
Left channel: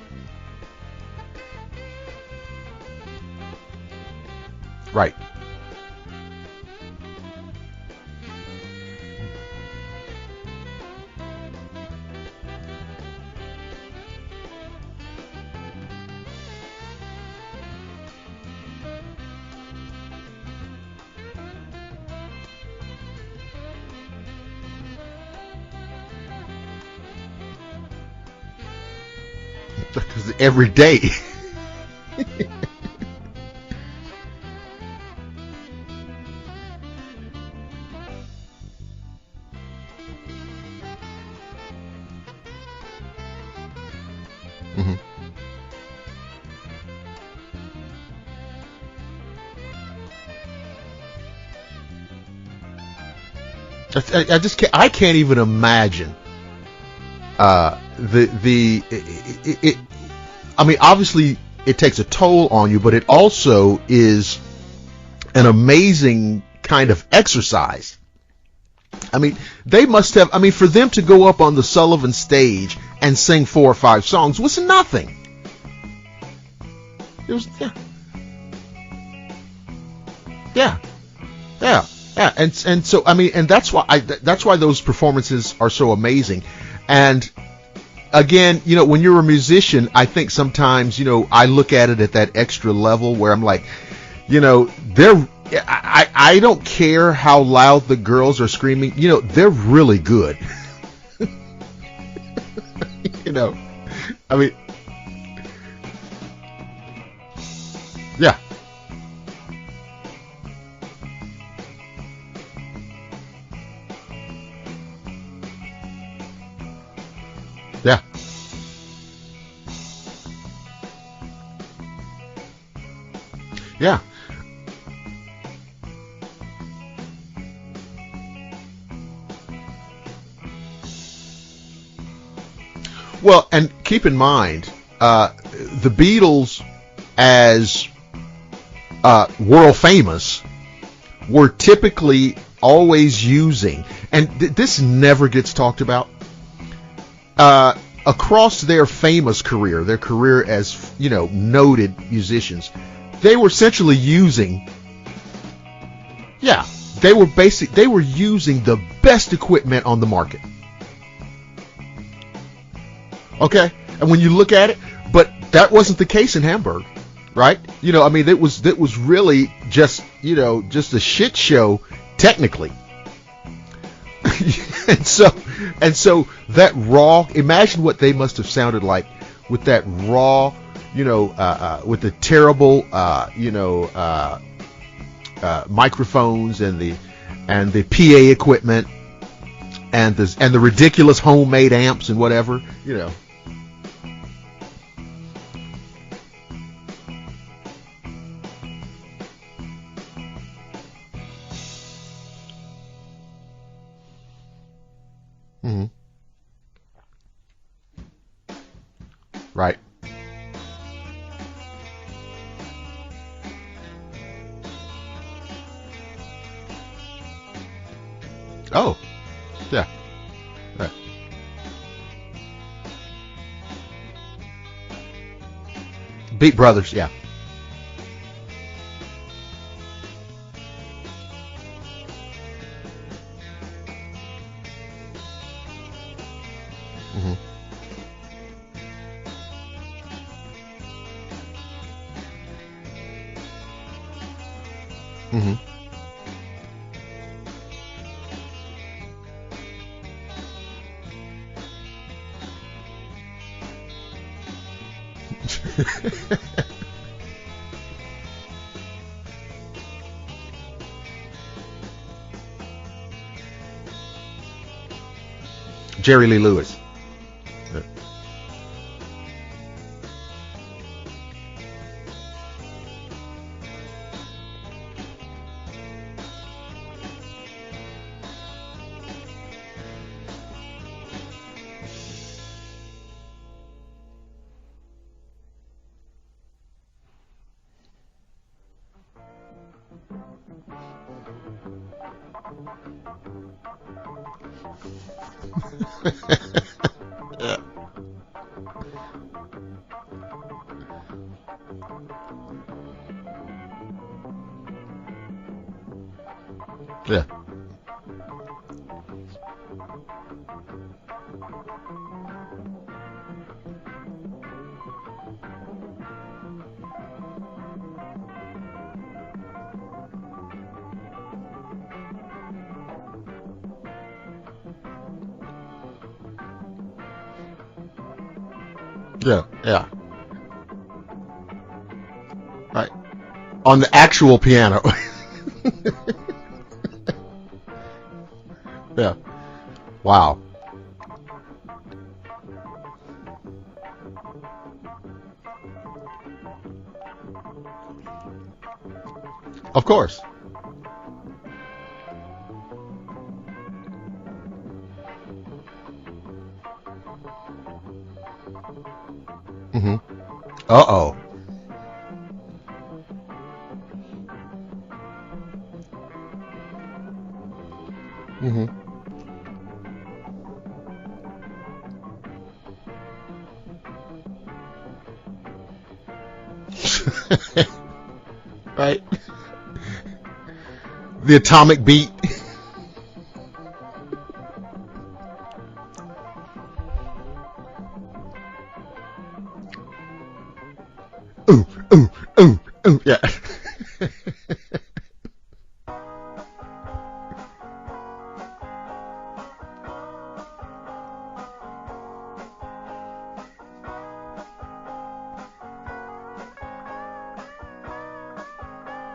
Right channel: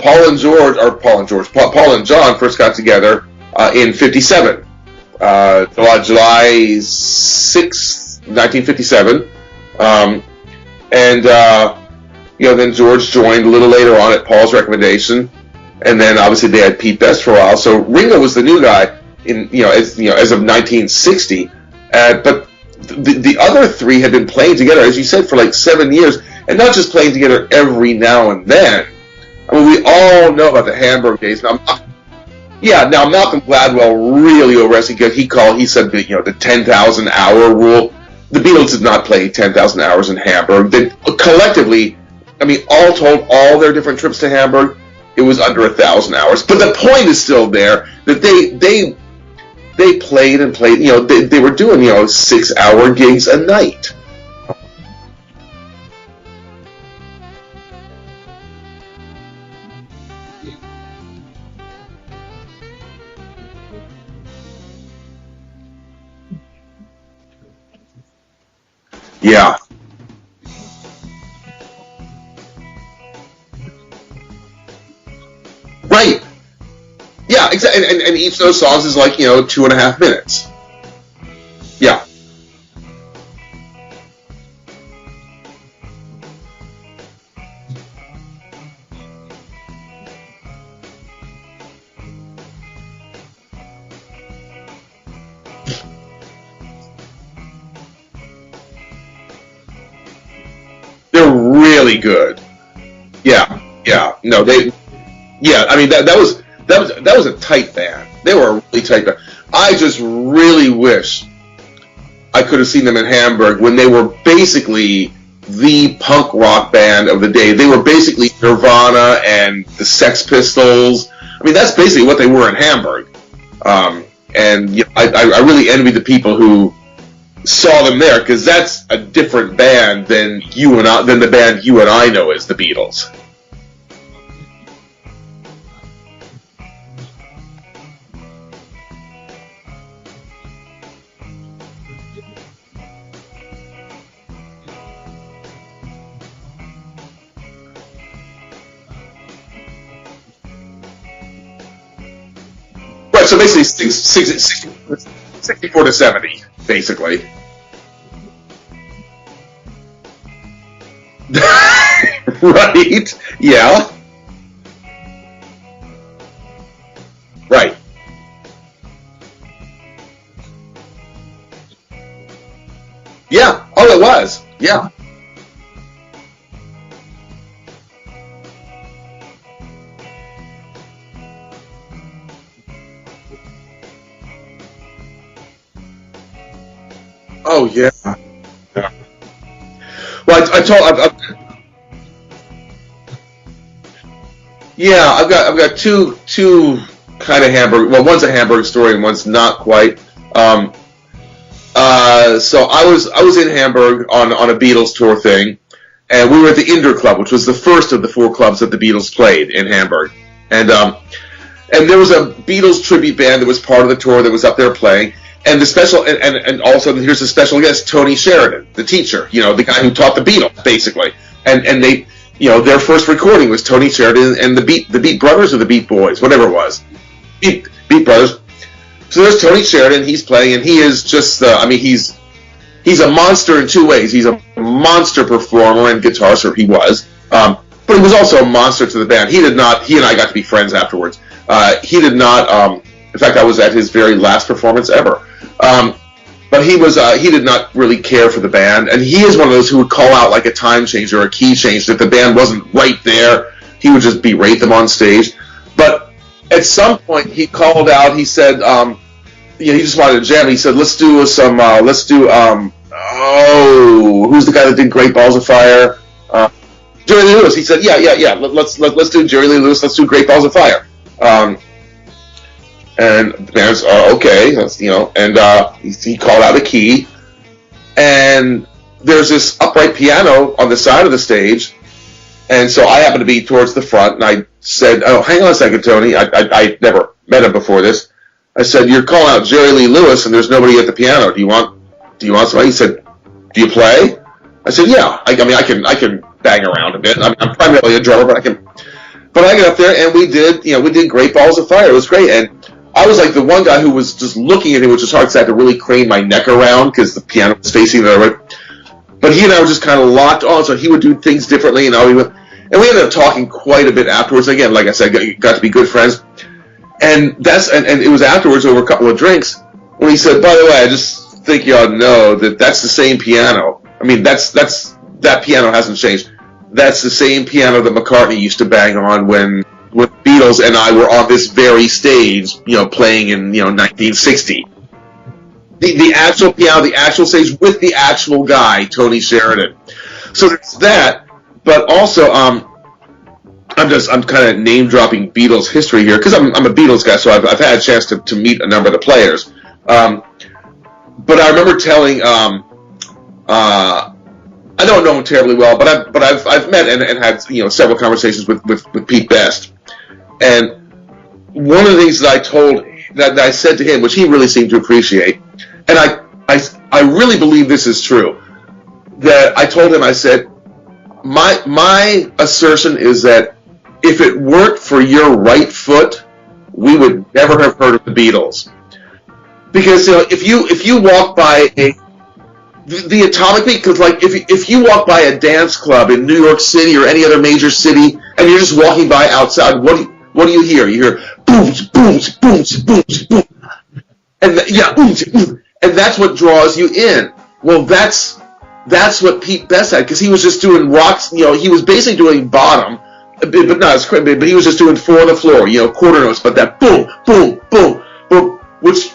Paul and John first got together in '57. Right. July 6th, 1957. Then George joined a little later on at Paul's recommendation, and then obviously they had Pete Best for a while. So Ringo was the new guy as of 1960. But the other three had been playing together, as you said, for like 7 years, and not just playing together every now and then. I mean, we all know about the Hamburg days. Now, Malcolm Gladwell really overestimated, because he said the 10,000 hour rule. The Beatles did not play 10,000 hours in Hamburg. They collectively, I mean, all told, all their different trips to Hamburg, mm-hmm. It was under 1,000 hours. But the point is still there that they played and played. They were doing 6-hour gigs a night. I can't even imagine. I mean, obviously it takes a toll on you, but it also is an amazing kind of exercise. I mean, They must have. I mean, for them to go up on the Sullivan stage and sing 4 or 5 songs was nothing. Right. Yeah, exactly. And each of those songs is like 2.5 minutes. Yeah. And so I mean, and that's why those performances are so amazing. And again, when you're a musician, I think sometimes I look at it at that extra level where I'm like, I don't care how loud the girls are screaming. They're really good. They're really good. Yeah. No, they. Yeah, I mean that was a tight band. Yeah. They were a really tight band. I just really wish I could have seen them in Hamburg when they were basically the punk rock band of the day. They were basically Nirvana and the Sex Pistols. I mean, that's basically what they were in Hamburg. And I really envy the people who saw them there, because that's a different band than the band you and I know as the Beatles. Well, and keep in mind, the Beatles, as world famous, were typically always using, and this never gets talked about, across their famous career, their career as noted musicians. Right, so basically using 64 to 70. Yeah, basically. They were using the best equipment on the market. Right. Okay? Yeah. And when you look at it, but that wasn't the case in Hamburg, right? Right. I mean, it was really just a shit show technically. Yeah. Oh, it was. Yeah. and so that raw. Imagine what they must have sounded like with that raw. With the terrible, microphones and the PA equipment, and the ridiculous homemade amps and whatever, Yeah, I've got two kind of Hamburg. Well, one's a Hamburg story and one's not quite. So I was in Hamburg on a Beatles tour thing, mm-hmm. and we were at the Indoor Club, which was the first of the 4 clubs that the Beatles played in Hamburg. And there was a Beatles tribute band that was part of the tour that was up there playing. And the special, and also here's a special guest, Tony Sheridan, the teacher, the guy who taught the Beatles, basically. And they, their first recording was Tony Sheridan and the Beat Brothers or the Beat Boys, whatever it was. Beat Brothers, yeah. Beat Brothers. So there's Tony Sheridan. He's playing, and he is just. He's a monster in two ways. He's a monster performer and guitarist, or he was. But he was also a monster to the band. He did not. He and I got to be friends afterwards. He did not. In fact, I was at his very last performance ever. But he was. He did not really care for the band, and he is one of those who would call out like a time change or a key change if the band wasn't right there. He would just berate them on stage. But at some point, he called out. He said, he just wanted to jam. He said, "Let's do some. Who's the guy that did Great Balls of Fire? Jerry Lee Lewis." Jerry Lee Lewis. He said, "Yeah. Let's do Jerry Lee Lewis. Let's do Great Balls of Fire." And the band's okay. And he called out a key, and there's this upright piano on the side of the stage. And so I happened to be towards the front, and I said, "Oh, hang on a second, Tony. I never met him before this." I said, "You're calling out Jerry Lee Lewis, and there's nobody at the piano. Do you want somebody?" He said, "Do you play?" I said, "Yeah. I can bang around a bit. I'm primarily a drummer, but I can." But I got up there, and we did Great Balls of Fire. It was great, and I was like the one guy who was just looking at him, which was hard because I had to really crane my neck around because the piano was facing the other way. But he and I were just kind of locked on, so he would do things differently, and we ended up talking quite a bit afterwards. Again, like I said, got to be good friends. And it was afterwards over a couple of drinks when he said, "By the way, I just think you ought to know that that's the same piano. I mean, that piano hasn't changed. That's the same piano that McCartney used to bang on when Beatles and I were on this very stage, playing in on 1960." The actual piano. the actual piano, the actual stage with the actual guy, Tony Sheridan. Wow. So there's that, but also I'm kind of name dropping Beatles history here because I'm a Beatles guy, so I've had a chance to meet a number of the players. Of course. But I remember telling I don't know him terribly well, but I've met and had several conversations with Pete Best. And one of the things that I said to him, which he really seemed to appreciate, and I really believe this is true, that I told him, I said, my assertion is that if it weren't for your right foot, we would never have heard of the Beatles. Right. Because if you walk the by atomic beat. The atomic beat, because like if you walk by a dance club in New York City or any other major city, and you're just walking by outside, what do you hear? You hear booms, booms, booms, booms, booms, and and that's what draws you in. Well, that's what Pete Best had, because he was just doing rocks. He was basically doing bottom, but not as quick. But he was just doing four on the floor, quarter notes. But that boom, boom, boom, boom, which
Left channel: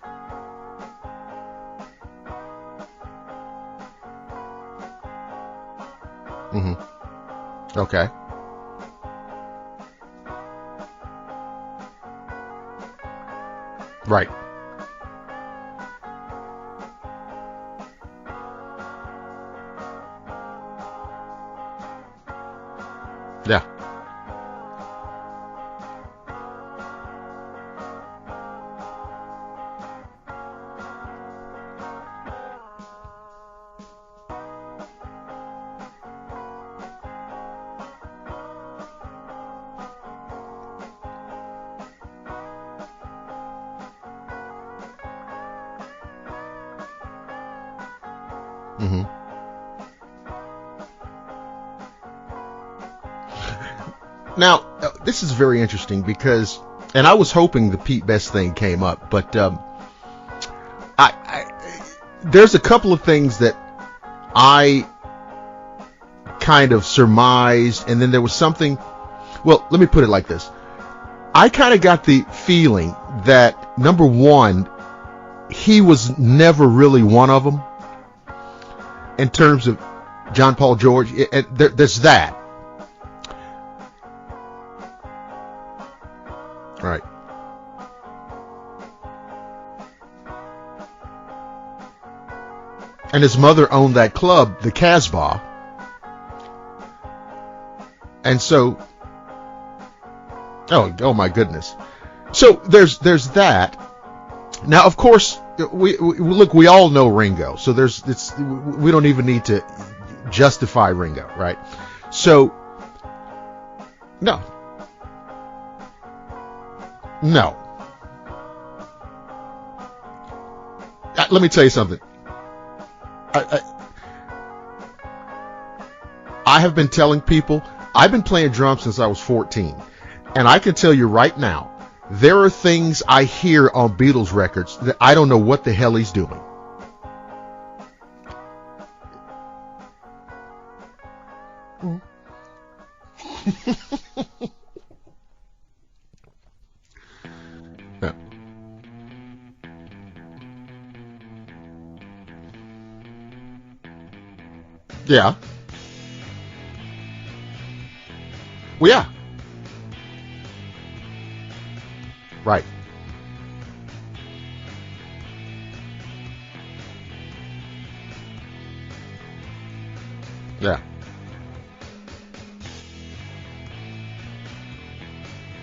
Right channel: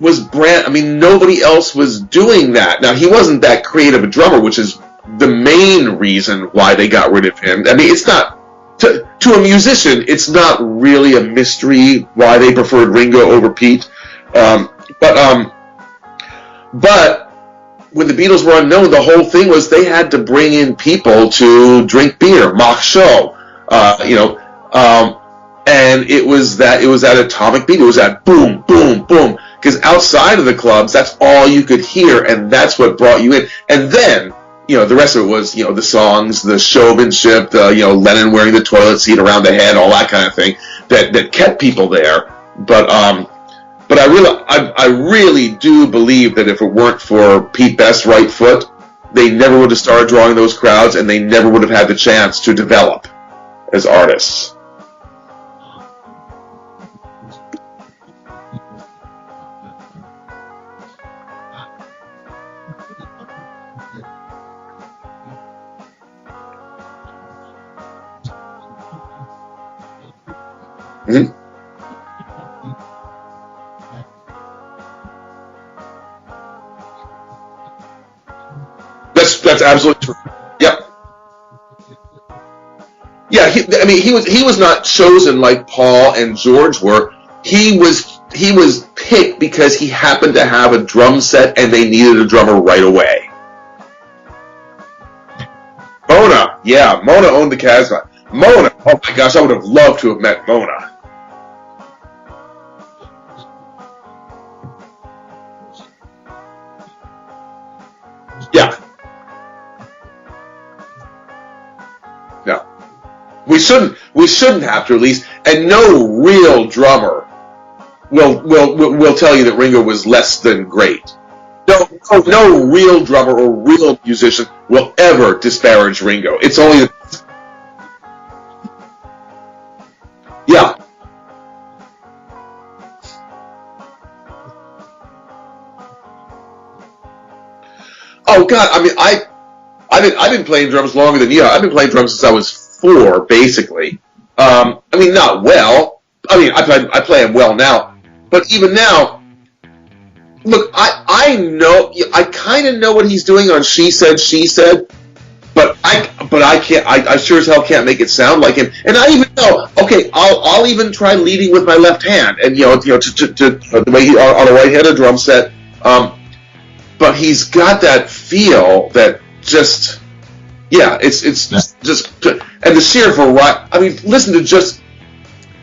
was nobody else was doing that. Now, he wasn't that creative a drummer, which is the main reason why they got rid of him. It's not, to a musician, it's not really a mystery why they preferred Ringo over Pete. Right. But when the Beatles were unknown, the whole thing was they had to bring in people to drink beer, mock show. Yeah. And it was that atomic beat. It was that boom, boom, boom. Because outside of the clubs, that's all you could hear, and that's what brought you in. And then, the rest of it was, the songs, the showmanship, the, Lennon wearing the toilet seat around the head, all that kind of thing, that kept people there. But I really do believe that if it weren't for Pete Best's right foot, they never would have started drawing those crowds, and they never would have had the chance to develop as artists. Now, this is very interesting because, and I was hoping the Pete Best thing came up, but there's a couple of things that I kind of surmised, and then there was something. Well, let me put it like this. I kind of got the feeling that, number one, he was never really one of them. That's absolutely true. John Paul George. There's that. Yeah, he was not chosen like Paul and George were. He was picked because he happened to have a drum set and they needed a drummer right away. And his mother owned that club, the Casbah. Mona owned the Casbah. And Mona, oh my gosh, I would have loved to have met Mona. Oh my goodness. So there's that. Now, of course, we all know Ringo. So we don't even need to justify Ringo, right? So. No. We shouldn't have to, at least, and no real drummer will tell you that Ringo was less than great. Let me tell you something. No real drummer or real musician will ever disparage Ringo. It's I've only been telling people, I've been playing drums since I was 14. And Yeah. I can tell you right now, there are things I hear on Beatles records that I don't know what the hell he's doing. Oh God! I mean, I've been playing drums longer than you. I've been playing drums since I was 4, basically. I mean, not well. I mean, I play them well now, but even now, look, I know, I kind of know what he's doing on She Said, She Said. Yeah. But I can't. I sure as hell can't make it sound like him. Yeah. And I even know. Okay, I'll even try leading with my left hand, and Right. to the way he on a right-handed drum set. But he's got that feel that just. Yeah, it's just and the sheer variety. I mean, listen to just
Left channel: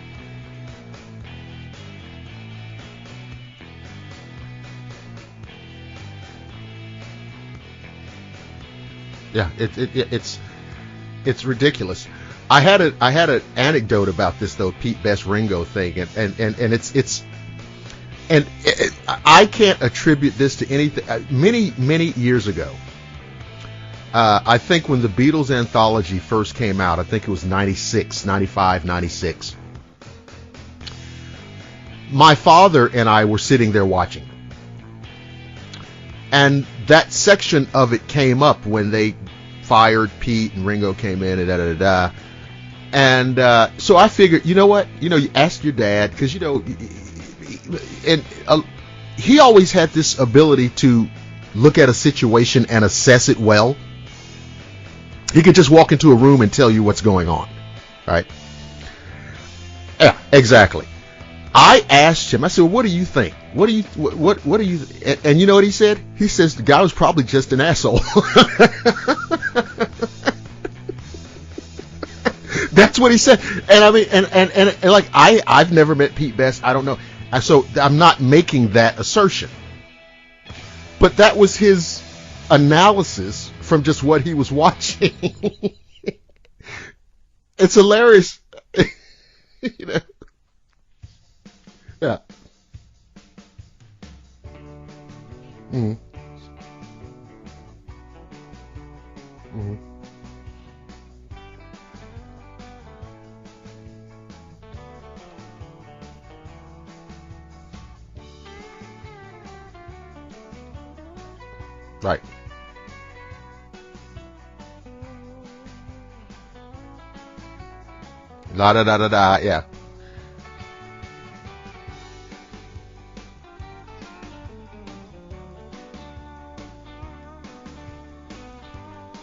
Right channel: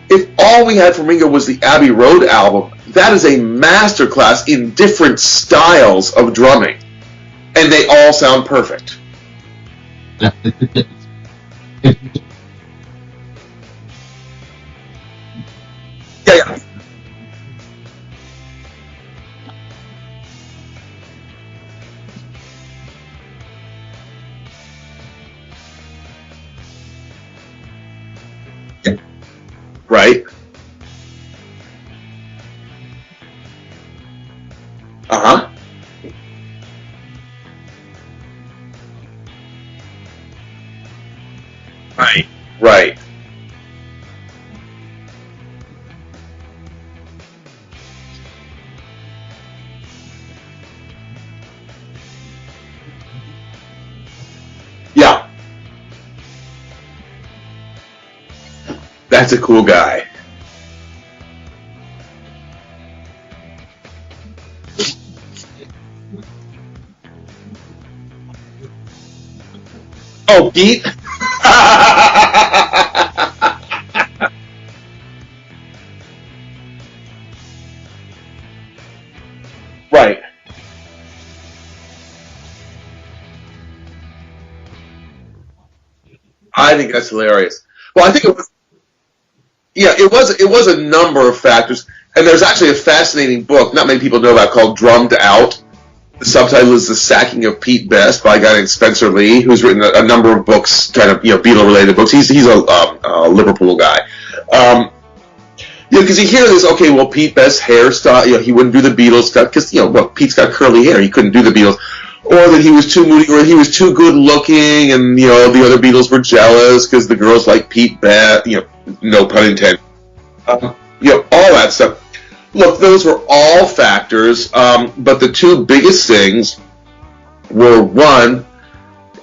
if all we had from Ringo was the Abbey Road album, that is a masterclass in different styles of drumming, and they all sound perfect. Yeah, it's ridiculous. I had an anecdote about this though, Pete Best Ringo thing, and it's I can't attribute this to anything. Many years ago, I think when the Beatles anthology first came out, I think it was 96, 95, 96. Right. My father and I were sitting there watching. Uh-huh. And that section of it came up when they fired Pete and Ringo came in and da-da-da-da. Right. And so I figured, you know what? You ask your dad, because, and he always had this ability to look at a situation and assess it well. Yeah. He could just walk into a room and tell you what's going on, right? That's a cool guy. Yeah, exactly. I asked him, I said, well, what do you think? What do you, and you know what he said? He says the guy was probably just an asshole. Oh, Pete? That's what he said. And I mean, and like, I've never met Pete Best. I don't know. So I'm not making that assertion. Right. But that was his analysis from just what he was watching. I think that's hilarious. It's hilarious. Well, it was a number of factors. Yeah. And there's actually a fascinating book not many people know about called Drummed Out. Mm-hmm. The subtitle is The Sacking of Pete Best by a guy named Spencer Lee, who's written a number of books, kind of, Beatle-related books. He's a Liverpool guy. Because you hear this, okay, well, Pete Best's hairstyle, he wouldn't do the Beatles stuff, because, Pete's got curly hair, he couldn't do the Beatles. Right. Or that he was too moody, or he was too good looking, and, the other Beatles were jealous, because the girls like Pete Best, no pun intended. All that stuff. Look, those were all factors, but the two biggest things were, one,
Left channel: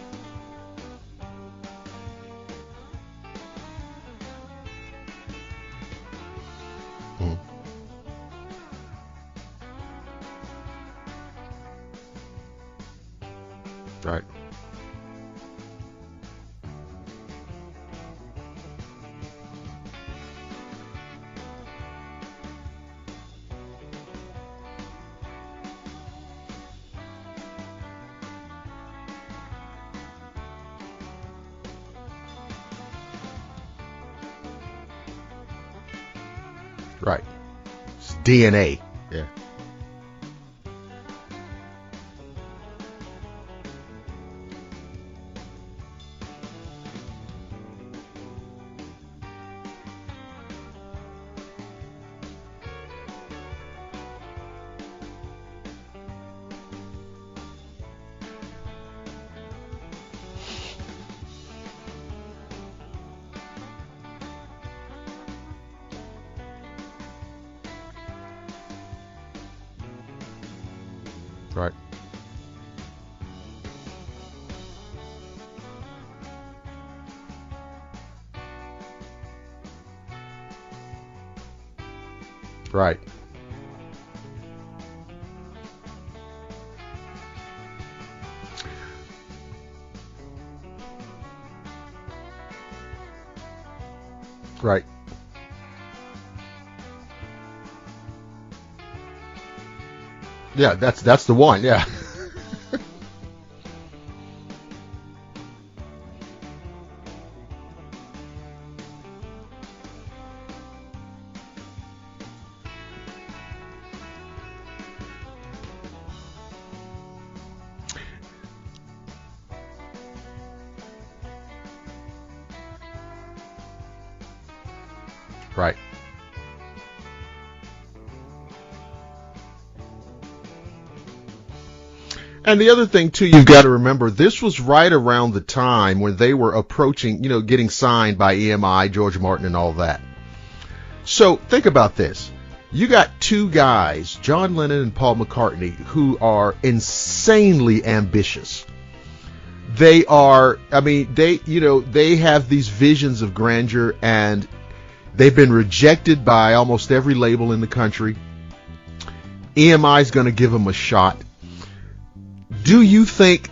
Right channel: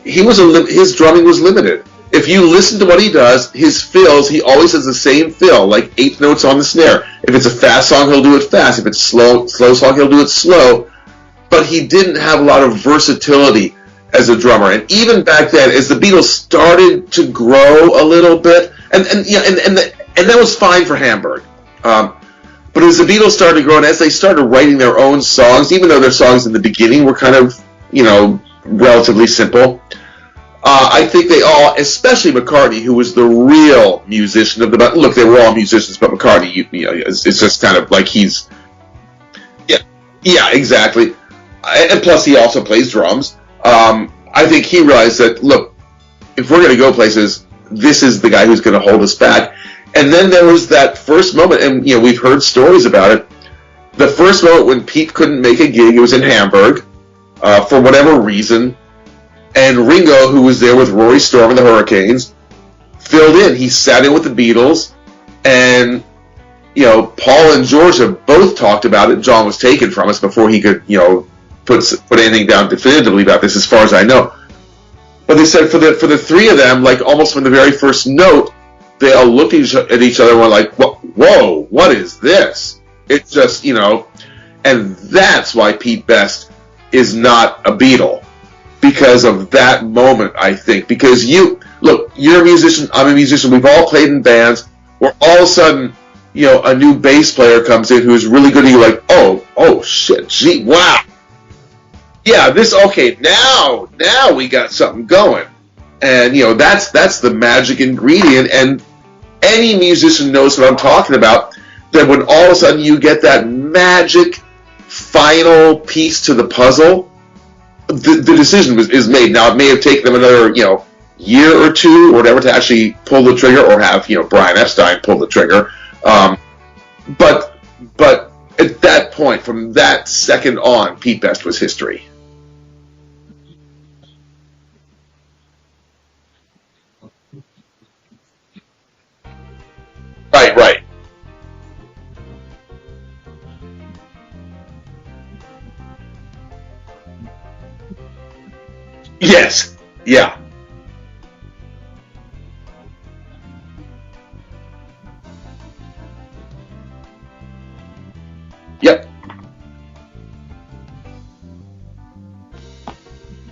his drumming was limited. If you listen to what he does, his fills, he always has the same fill, like 8 notes on the snare. If it's a fast song, he'll do it fast. If it's slow song, he'll do it slow. But he didn't have a lot of versatility as a drummer. And even back then, as the Beatles started to grow a little bit, and that was fine for Hamburg. But as the Beatles started to grow, and as they started writing their own songs, even though their songs in the beginning were kind of, relatively simple, I think they all, especially McCartney, who was the real musician of the band. Look, they were all musicians, but McCartney, it's just kind of like he's DNA. Yeah, exactly. And plus, he also plays drums. I think he realized that, look, if we're going to go places, this is the guy who's going to hold us back. And then there was that first moment, and we've heard stories about it. The first moment when Pete couldn't make a gig, it was in Hamburg, for whatever reason. And Ringo, who was there with Rory Storm and the Hurricanes, filled in. He sat in with the Beatles, and Paul and George have both talked about it. John was taken from us before he could, put anything down definitively about this, as far as I know. But they said for the three of them, like almost from the very first note, they all looked at each other and were like, "Whoa, what is this?" Right. It's just and that's why Pete Best is not a Beatle. Because of that moment, I think. Because you're a musician, I'm a musician, we've all played in bands, right, where all of a sudden, a new bass player comes in who's really good, and you're like, oh shit, gee, yeah, wow. That's the one, yeah. Yeah, now we got something going. And, that's the magic ingredient, and any musician knows what I'm talking about. then when all of a sudden you get that magic final piece to the puzzle, the decision is made. Now, it may have taken them another, year or two or whatever to actually pull the trigger, or have, Brian Epstein pull the trigger. Right. But at that point, from that second on, Pete Best was history. And the other thing, too, you've got to remember, this was right around the time when they were approaching, getting signed by EMI, George Martin, and all that. Right. So think about this. You got two guys, John Lennon and Paul McCartney, who are insanely ambitious. Yes. They are, they have these visions of grandeur, and they've been rejected by almost every label in the country. Yep. EMI's going to give them a shot. Do you think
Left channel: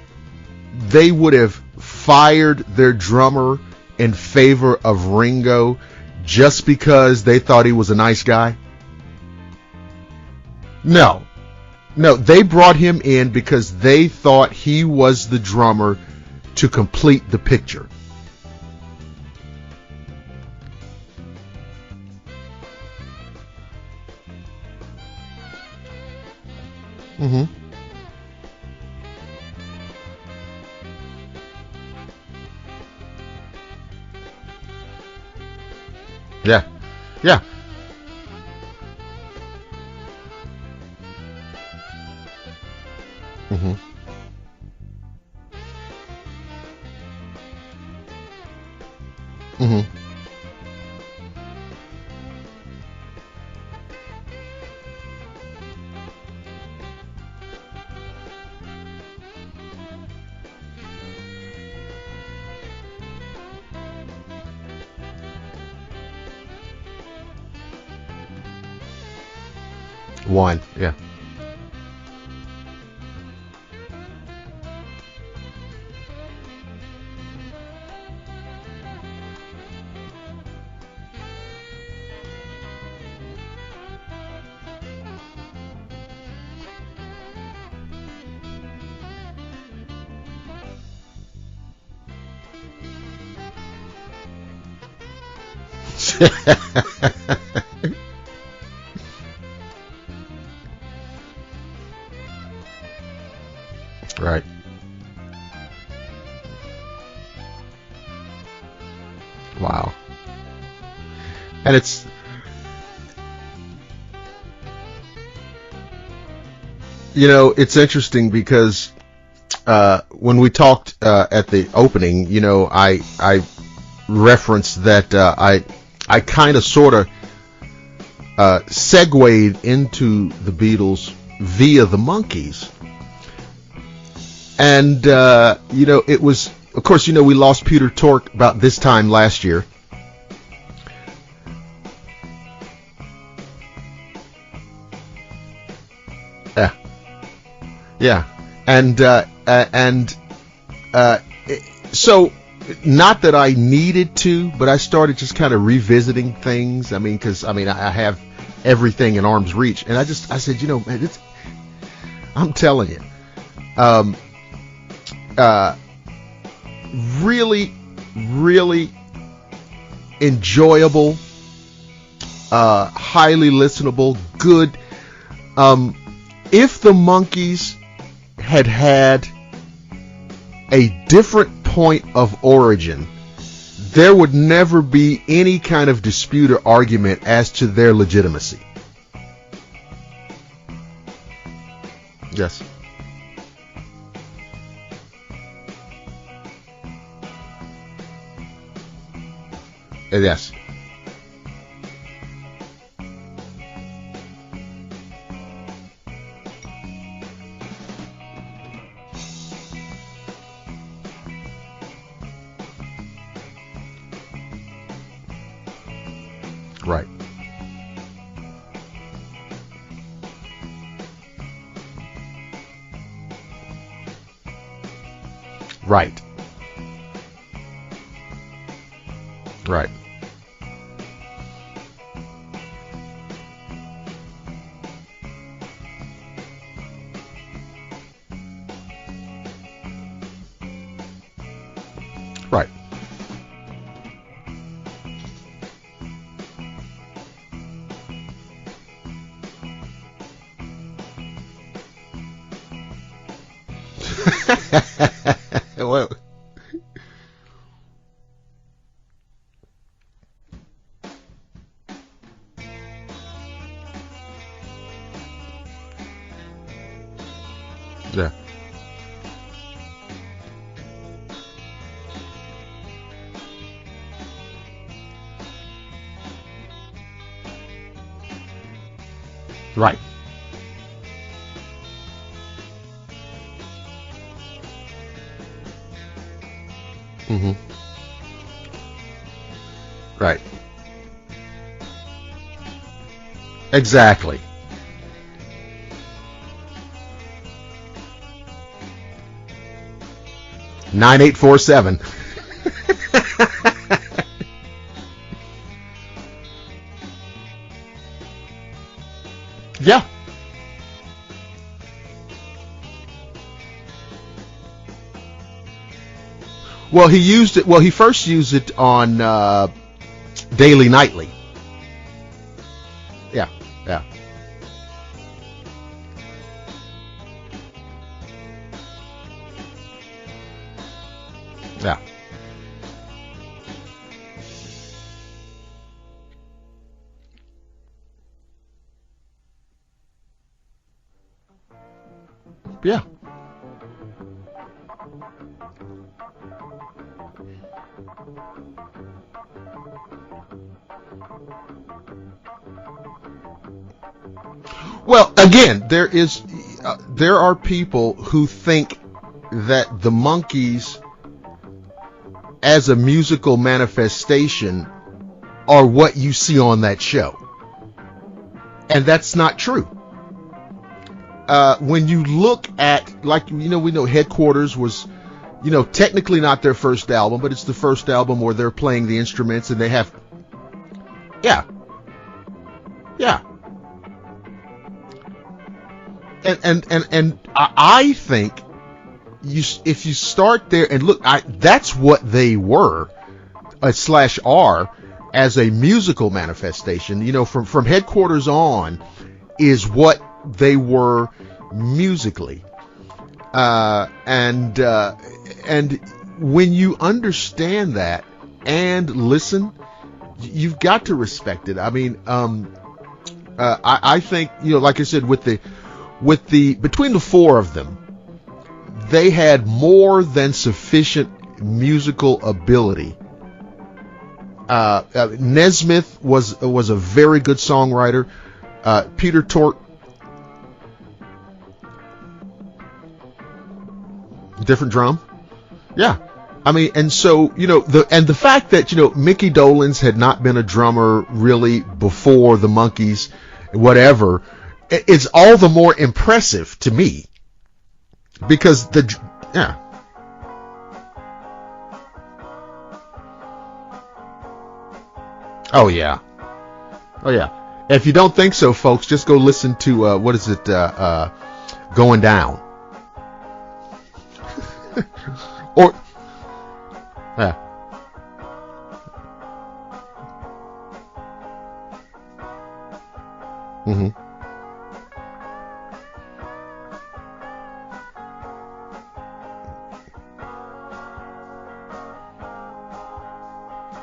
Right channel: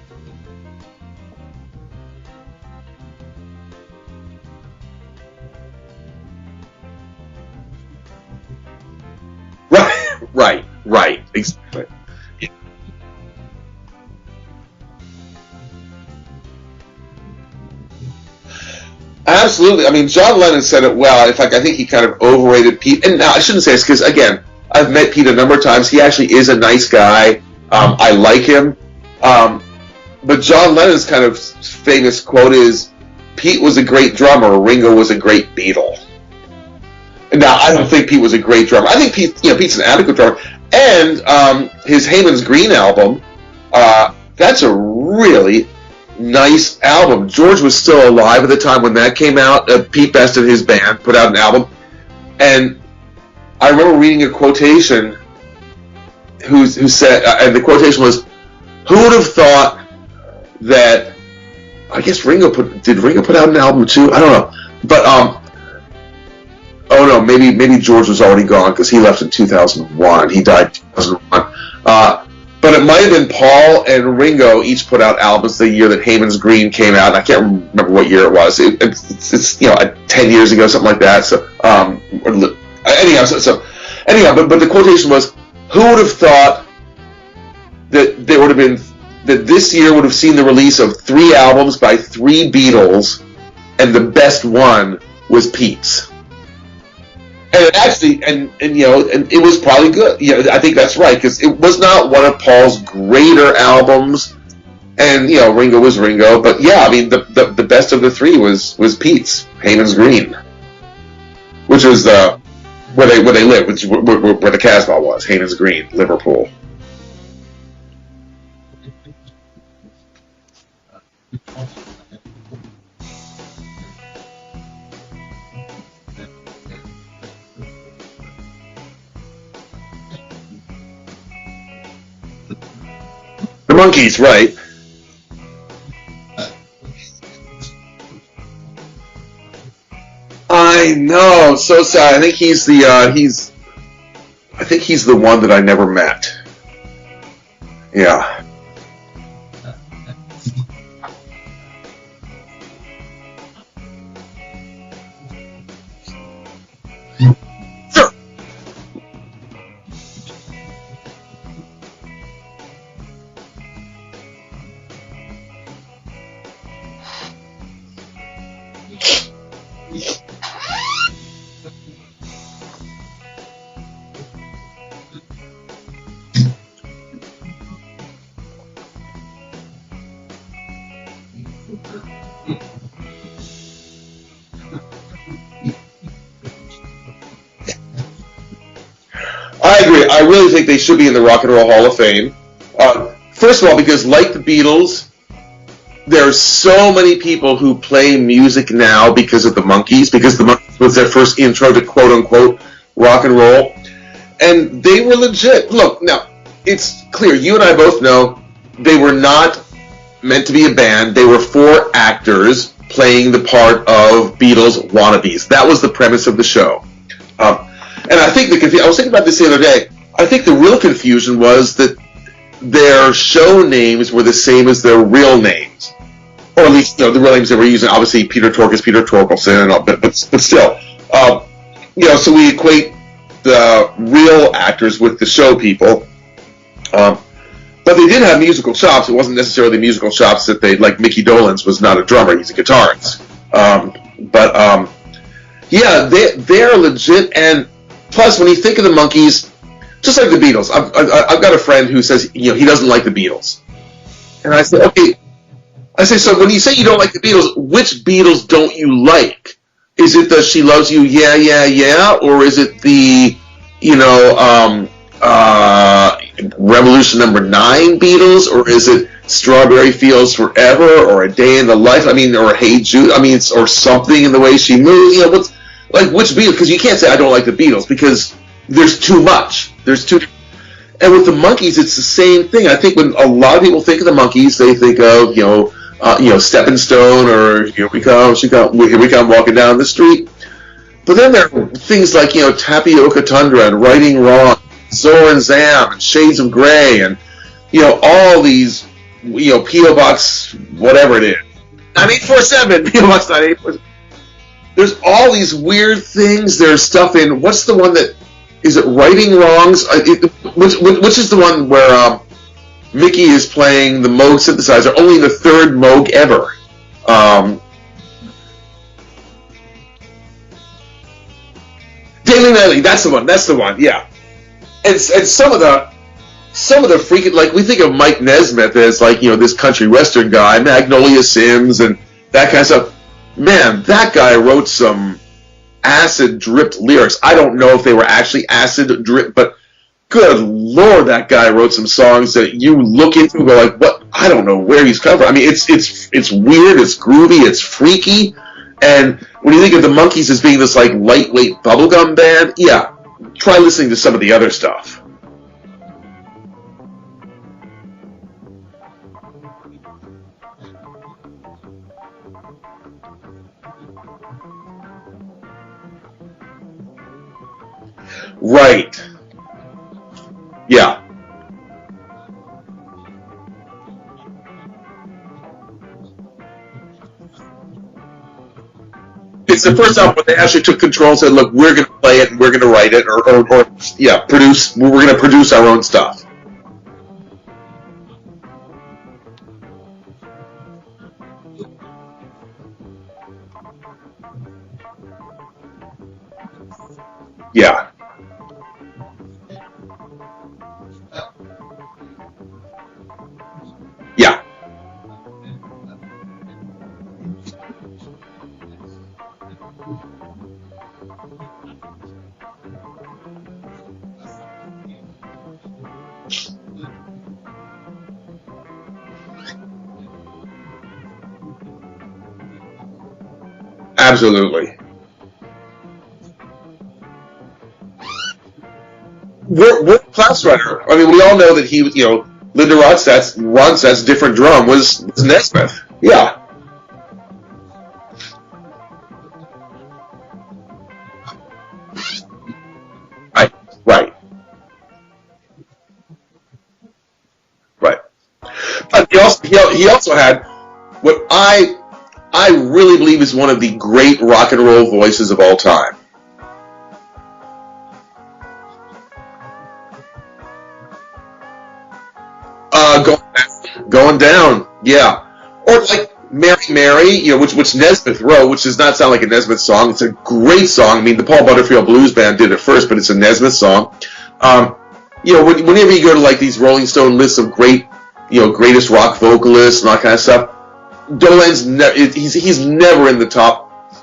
they would have fired their drummer in favor of Ringo just because they thought he was a nice guy? Right. No, they brought him in because they thought he was the drummer to complete the picture. Absolutely. I mean, John Lennon said it well. In fact, I think he kind of overrated Pete. And now, I shouldn't say this because, again, I've met Pete a number of times. He actually is a nice guy. Mm-hmm. I like him. But John Lennon's kind of famous quote is, Pete was a great drummer, Ringo was a great Beatle. Yeah. Now, I don't think Pete was a great drummer. I think Pete's an adequate drummer. And his Heyman's Green album, that's a really nice album. George was still alive at the time when that came out. Pete Best and his band put out an album. And I remember reading a quotation who said, and the quotation was, who would have thought that, I guess did Ringo put out an album too? I don't know. But, oh no, maybe George was already gone because he left in 2001. He died in 2001. But it might have been Paul and Ringo each put out albums the year that Heyman's Green came out. And I can't remember what year it was. It's 10 years ago, something like that. So anyhow, but the quotation was, who would have thought that there would have been, that this year would have seen the release of 3 albums by 3 Beatles, and the best one was Pete's. And it actually, and it was probably good. I think that's right, because it was not one of Paul's greater albums. Right. And Ringo was Ringo, but the best of the 3 was Pete's, Heyman's Green, which was where they lived, which where the Casbah was, Heyman's Green, Liverpool. It's interesting because when we talked at the opening, I referenced that I kind of sort of segued into the Beatles via the Monkees. The Monkees, right? And it was, of course, we lost Peter Tork about this time last year. I know, so sad. I think he's the one that I never met. Yeah. And so, not that I needed to, but I started just kind of revisiting things. I mean, because I have everything in arm's reach, and I said, man, I'm telling you, really, really enjoyable, highly listenable, good. If the Monkees had a different point of origin, there would never be any kind of dispute or argument as to their legitimacy. I agree. I really think they should be in the Rock and Roll Hall of Fame. Yes. First of all, because like the Beatles, there are so many people who play music now because of the Monkees, because the Monkees was their first intro to quote-unquote rock and roll. And they were legit. Look, now, it's clear. You and I both know they were not meant to be a band. They were 4 actors playing the part of Beatles wannabes. That was the premise of the show. Right. And I think I was thinking about this the other day. I think the real confusion was that their show names were the same as their real names. Right. Or at least, the real names they were using. Obviously, Peter Tork is Peter Torkelson, and all, but still. So we equate the real actors with the show people. But they did have musical chops. It wasn't necessarily musical chops that they, like Mickey Dolenz was not a drummer, he's a guitarist. They're legit, and Plus, when you think of the Monkees, just like the Beatles, I've got a friend who says he doesn't like the Beatles. And I said, okay. I say, so when you say you don't like the Beatles, which Beatles don't you like? Is it the She Loves You, Yeah, Yeah, Yeah? Or is it the, Revolution Number 9 Beatles? Or is it Strawberry Fields Forever? Or A Day in the Life? Or Hey Jude? Or Something in the Way She Moves? Which Beatles? Because you can't say I don't like the Beatles because there's too much. Right. There's too. And with the Monkees, it's the same thing. I think when a lot of people think of the Monkees, they think of Stepping Stone, or Here We Come Walking Down the Street. Right. But then there are things like Tapioca Tundra and Exactly. Righting Wrong, Zor and Zam, and Shades of Grey, and all these P.O. Box whatever 9847. 9847. P.O. Box 9847. There's all these weird things. There's stuff in what's the one that is it Righting Wrongs? Yeah. Which is the one where Mickey is playing the Moog synthesizer, only the third Moog ever. Well, he used it. Well, he first used it on Daily Nightly. Daily Nightly, that's the one. That's the one. Yeah. And some of the freaking, like, we think of Mike Nesmith as this country western guy, Magnolia Sims, and that kind of stuff. Man, that guy wrote some acid dripped lyrics. I don't know if they were actually acid drip, but good Lord, that guy wrote some songs that you look into and go like, what? I don't know where he's coming from. It's weird, it's groovy, it's freaky, and when you think of the Monkees as being this lightweight bubblegum band, try listening to some of the other stuff. Well, again, there are people who think that the Monkees, as a musical manifestation, are what you see on that show. Right. And that's not true. Yeah. When you look at, we know Headquarters was, technically not their first album, but it's the first album where they're playing the instrument. It's the first album where they actually took control and said, look, we're going to play it and we're going to write it or produce, we're going to produce our own stuff. And I think if you start there and look, that's what they were, / are, as a musical manifestation. From Headquarters on is what they were musically. And when you understand that and listen, you've got to respect it. I think, like I said, with the between the four of them, they had more than sufficient musical ability. Absolutely. Nesmith was a very good songwriter. Peter Tork, world-class writer. We all know that he was, Linda Ronstadt's different drum was Nesmith. Yeah. And so, the fact that, Mickey Dolenz had not been a drummer really before the Monkees, whatever, it's all the more impressive to me. Right. Because he also had what I really believe is one of the great rock and roll voices of all time. Oh yeah. If you don't think so, folks, just go listen to Going Down. Going Down. Yeah. Or like Mary Mary, which Nesmith wrote, which does not sound like a Nesmith song. It's a great song. The Paul Butterfield Blues Band did it first, but it's a Nesmith song. Mm-hmm. Whenever you go to these Rolling Stone lists of greatest rock vocalists and all that kind of stuff, Dolenz he's never in the top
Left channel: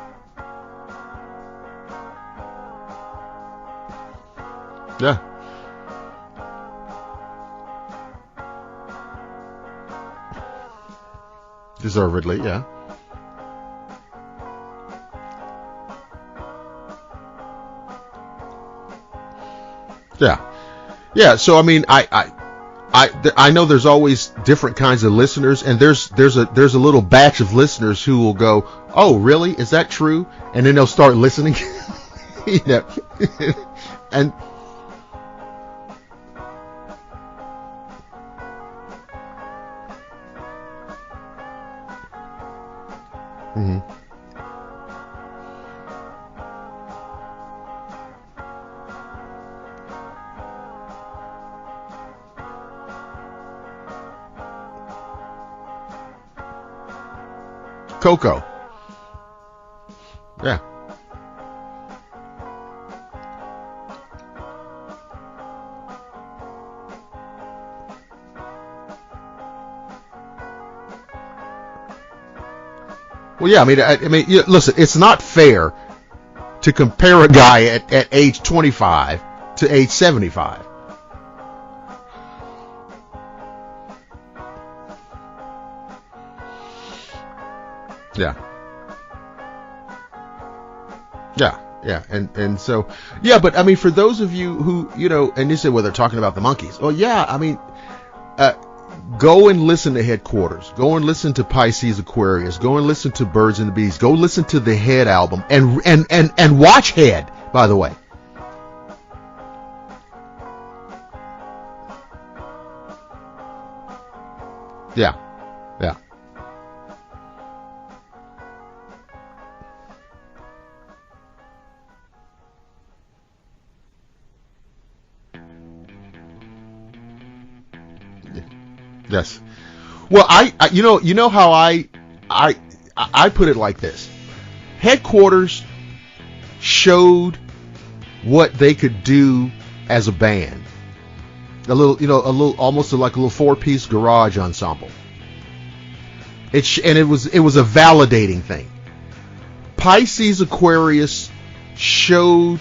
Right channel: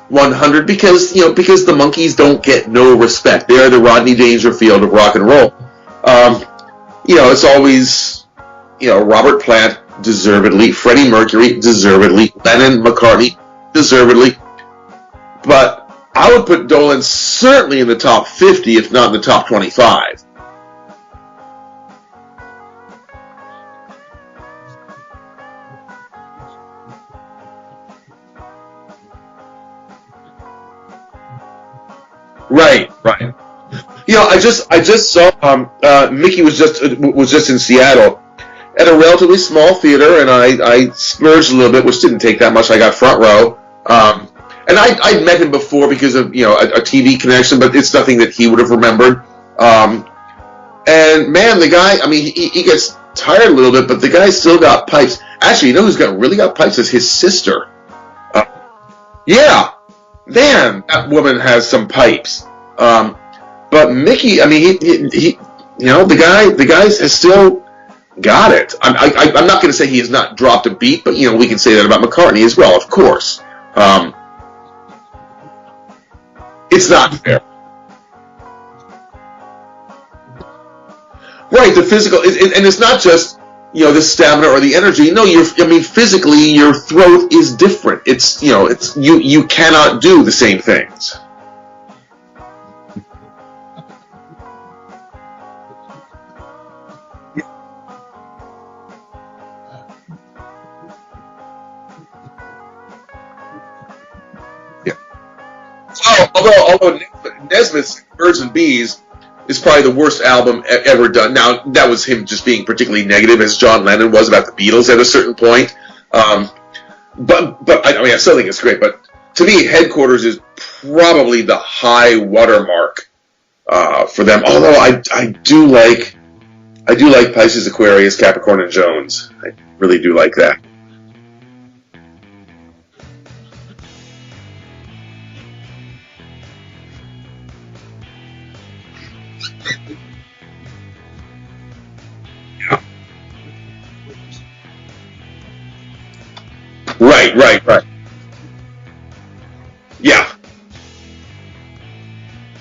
100 because the Monkees don't get no respect. They're the Rodney Dangerfield of rock and roll. It's always Robert Plant deservedly, Freddie Mercury deservedly, Lennon, McCartney deservedly. But I would put Dolenz certainly in the top 50, if not in the top 25. Yeah. So I know there's always different kinds of listeners, and there's a little batch of listeners who will go, "Oh, really? Is that true?" And then they'll start listening. Right. I just saw Mickey was just in Seattle at a relatively small theater, and I splurged a little bit, which didn't take that much. I got front row. Mm-hmm. And I'd met him before because of a TV connection, but it's nothing that he would have remembered. And man, the guy, he gets tired a little bit, but the guy's still got pipes. Actually, who's really got pipes is his sister, Coco. Yeah, man, that woman has some pipes. But But Mickey, I mean, he the guy has still got it. I'm not going to say he has not dropped a beat, but we can say that about McCartney as well, of course. Well, yeah, I mean, listen, it's not fair to compare a guy at age 25 to age 75. Right, the physical, and it's not just the stamina or the energy. No, physically, your throat is different. It's you cannot do the same things. Yeah, and so but I mean, for those of you who and you say, well, they're talking about the Monkees. Well, yeah, I mean, go and listen to Headquarters. Go and listen to Pisces Aquarius. Go and listen to Birds and the Bees. Go listen to the Head album and watch Head. By the way, Birds and Bees is probably the worst album ever done. Now, that was him just being particularly negative, as John Lennon was about the Beatles at a certain point. Yeah. But I mean, I still think it's great. But to me, Headquarters is probably the high watermark for them. Although I do like Pisces, Aquarius, Capricorn, and Jones. Yes. I really do like that. You know how I put it like this. Headquarters showed what they could do as a band. A little almost like a little 4-piece garage ensemble. It was a validating thing. Pisces Aquarius showed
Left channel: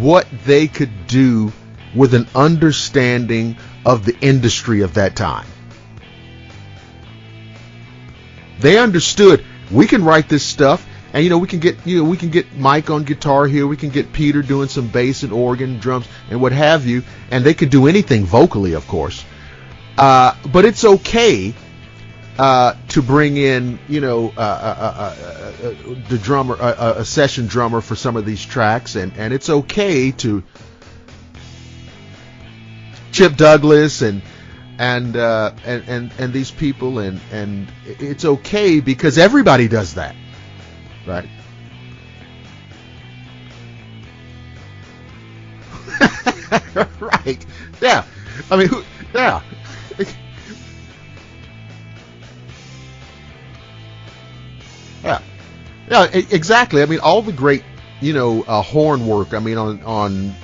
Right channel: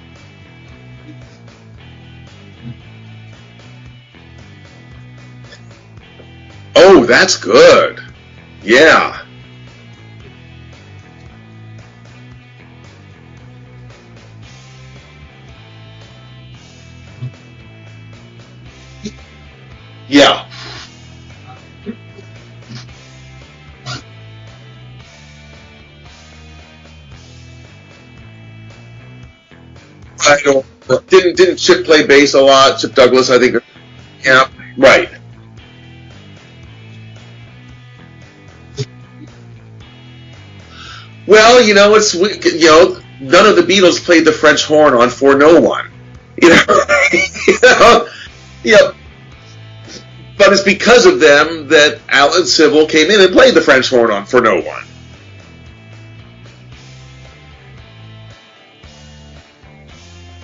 what they could do with an understanding of the industry of that time. Oh, that's good. They understood we can write this stuff, and we can get Mike on guitar here, we can get Peter doing some bass and organ, drums, and what have you, and they could do anything vocally, of course. But it's okay to bring in the drummer, a session drummer for some of these tracks, and it's okay to. Didn't Chip play bass a lot? Chip Douglas, and these people, and it's okay because everybody does that. Right. Well, none of the Beatles played the French horn on For No One. I mean, yeah. But it's because of them that Alan Civil came in and played the French horn on For No One. Yeah, exactly. I mean, all the great, horn work. I mean, on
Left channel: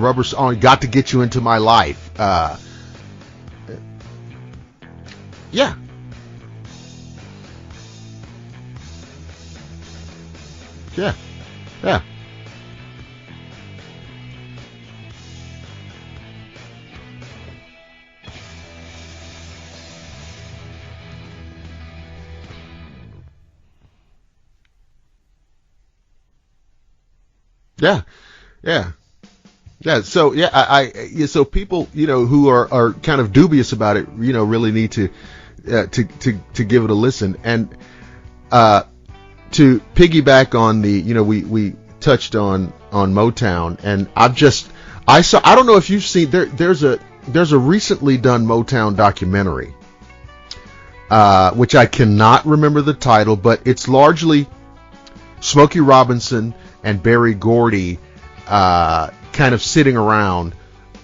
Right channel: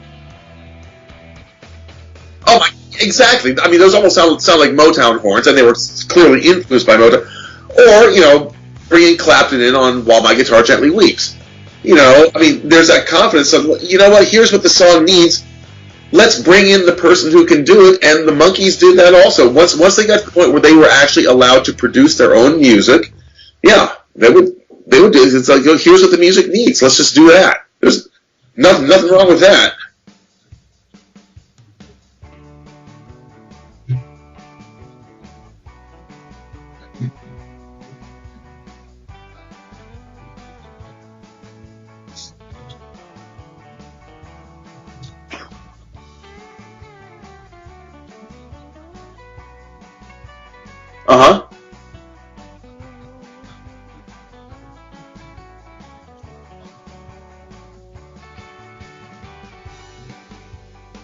Rubber, on Got to Get You Into My Life. Exactly. I mean, those almost sound like Motown horns, and they were clearly influenced by Motown. Or, bringing Clapton in on While My Guitar Gently Weeps. I mean, there's that confidence of, here's what the song needs. Let's bring in the person who can do it, and the Monkees did that also. Once they got to the point where they were actually allowed to produce their own music, they would do it. It's like, here's what the music needs. Let's just do that. There's nothing wrong with that. Yeah. So so people who are kind of dubious about it, really need to give it a listen. And to piggyback on the we touched on Motown, and I don't know if you've seen there's a recently done Motown documentary, which I cannot remember the title, but it's largely Smokey Robinson and Berry Gordy kind of sitting around,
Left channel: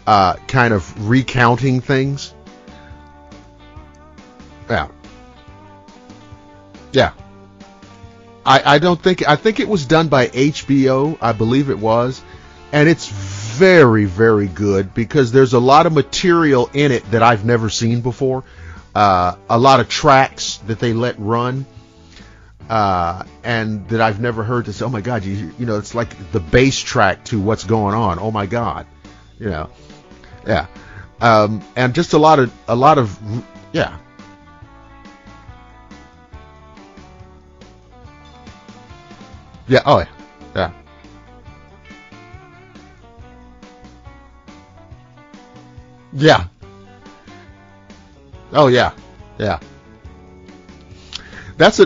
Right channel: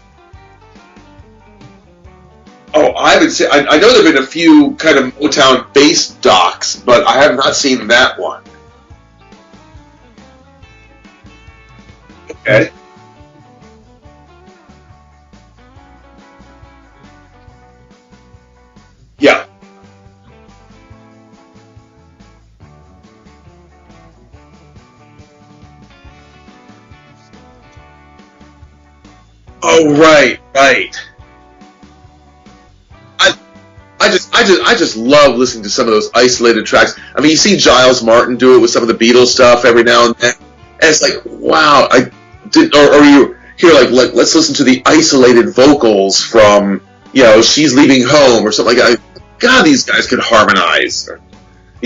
kind of recounting things. Oh, I would say I know there've been a few kind of Motown-based docs, but I have not seen that one. I think it was done by HBO, I believe it was, okay. And it's very, very good because there's a lot of material in it that I've never seen before. A lot of tracks that they let run, and that I've never heard. To say, oh my God, it's like the bass track to what's going on. Oh my God. Oh right. And just a lot of I just love listening to some of those isolated tracks. I mean, you see Giles Martin do it with some of the Beatles stuff every now and then, and it's like, wow, or you hear like let's listen to the isolated vocals from She's Leaving Home or something like that. God, these guys could harmonize. That's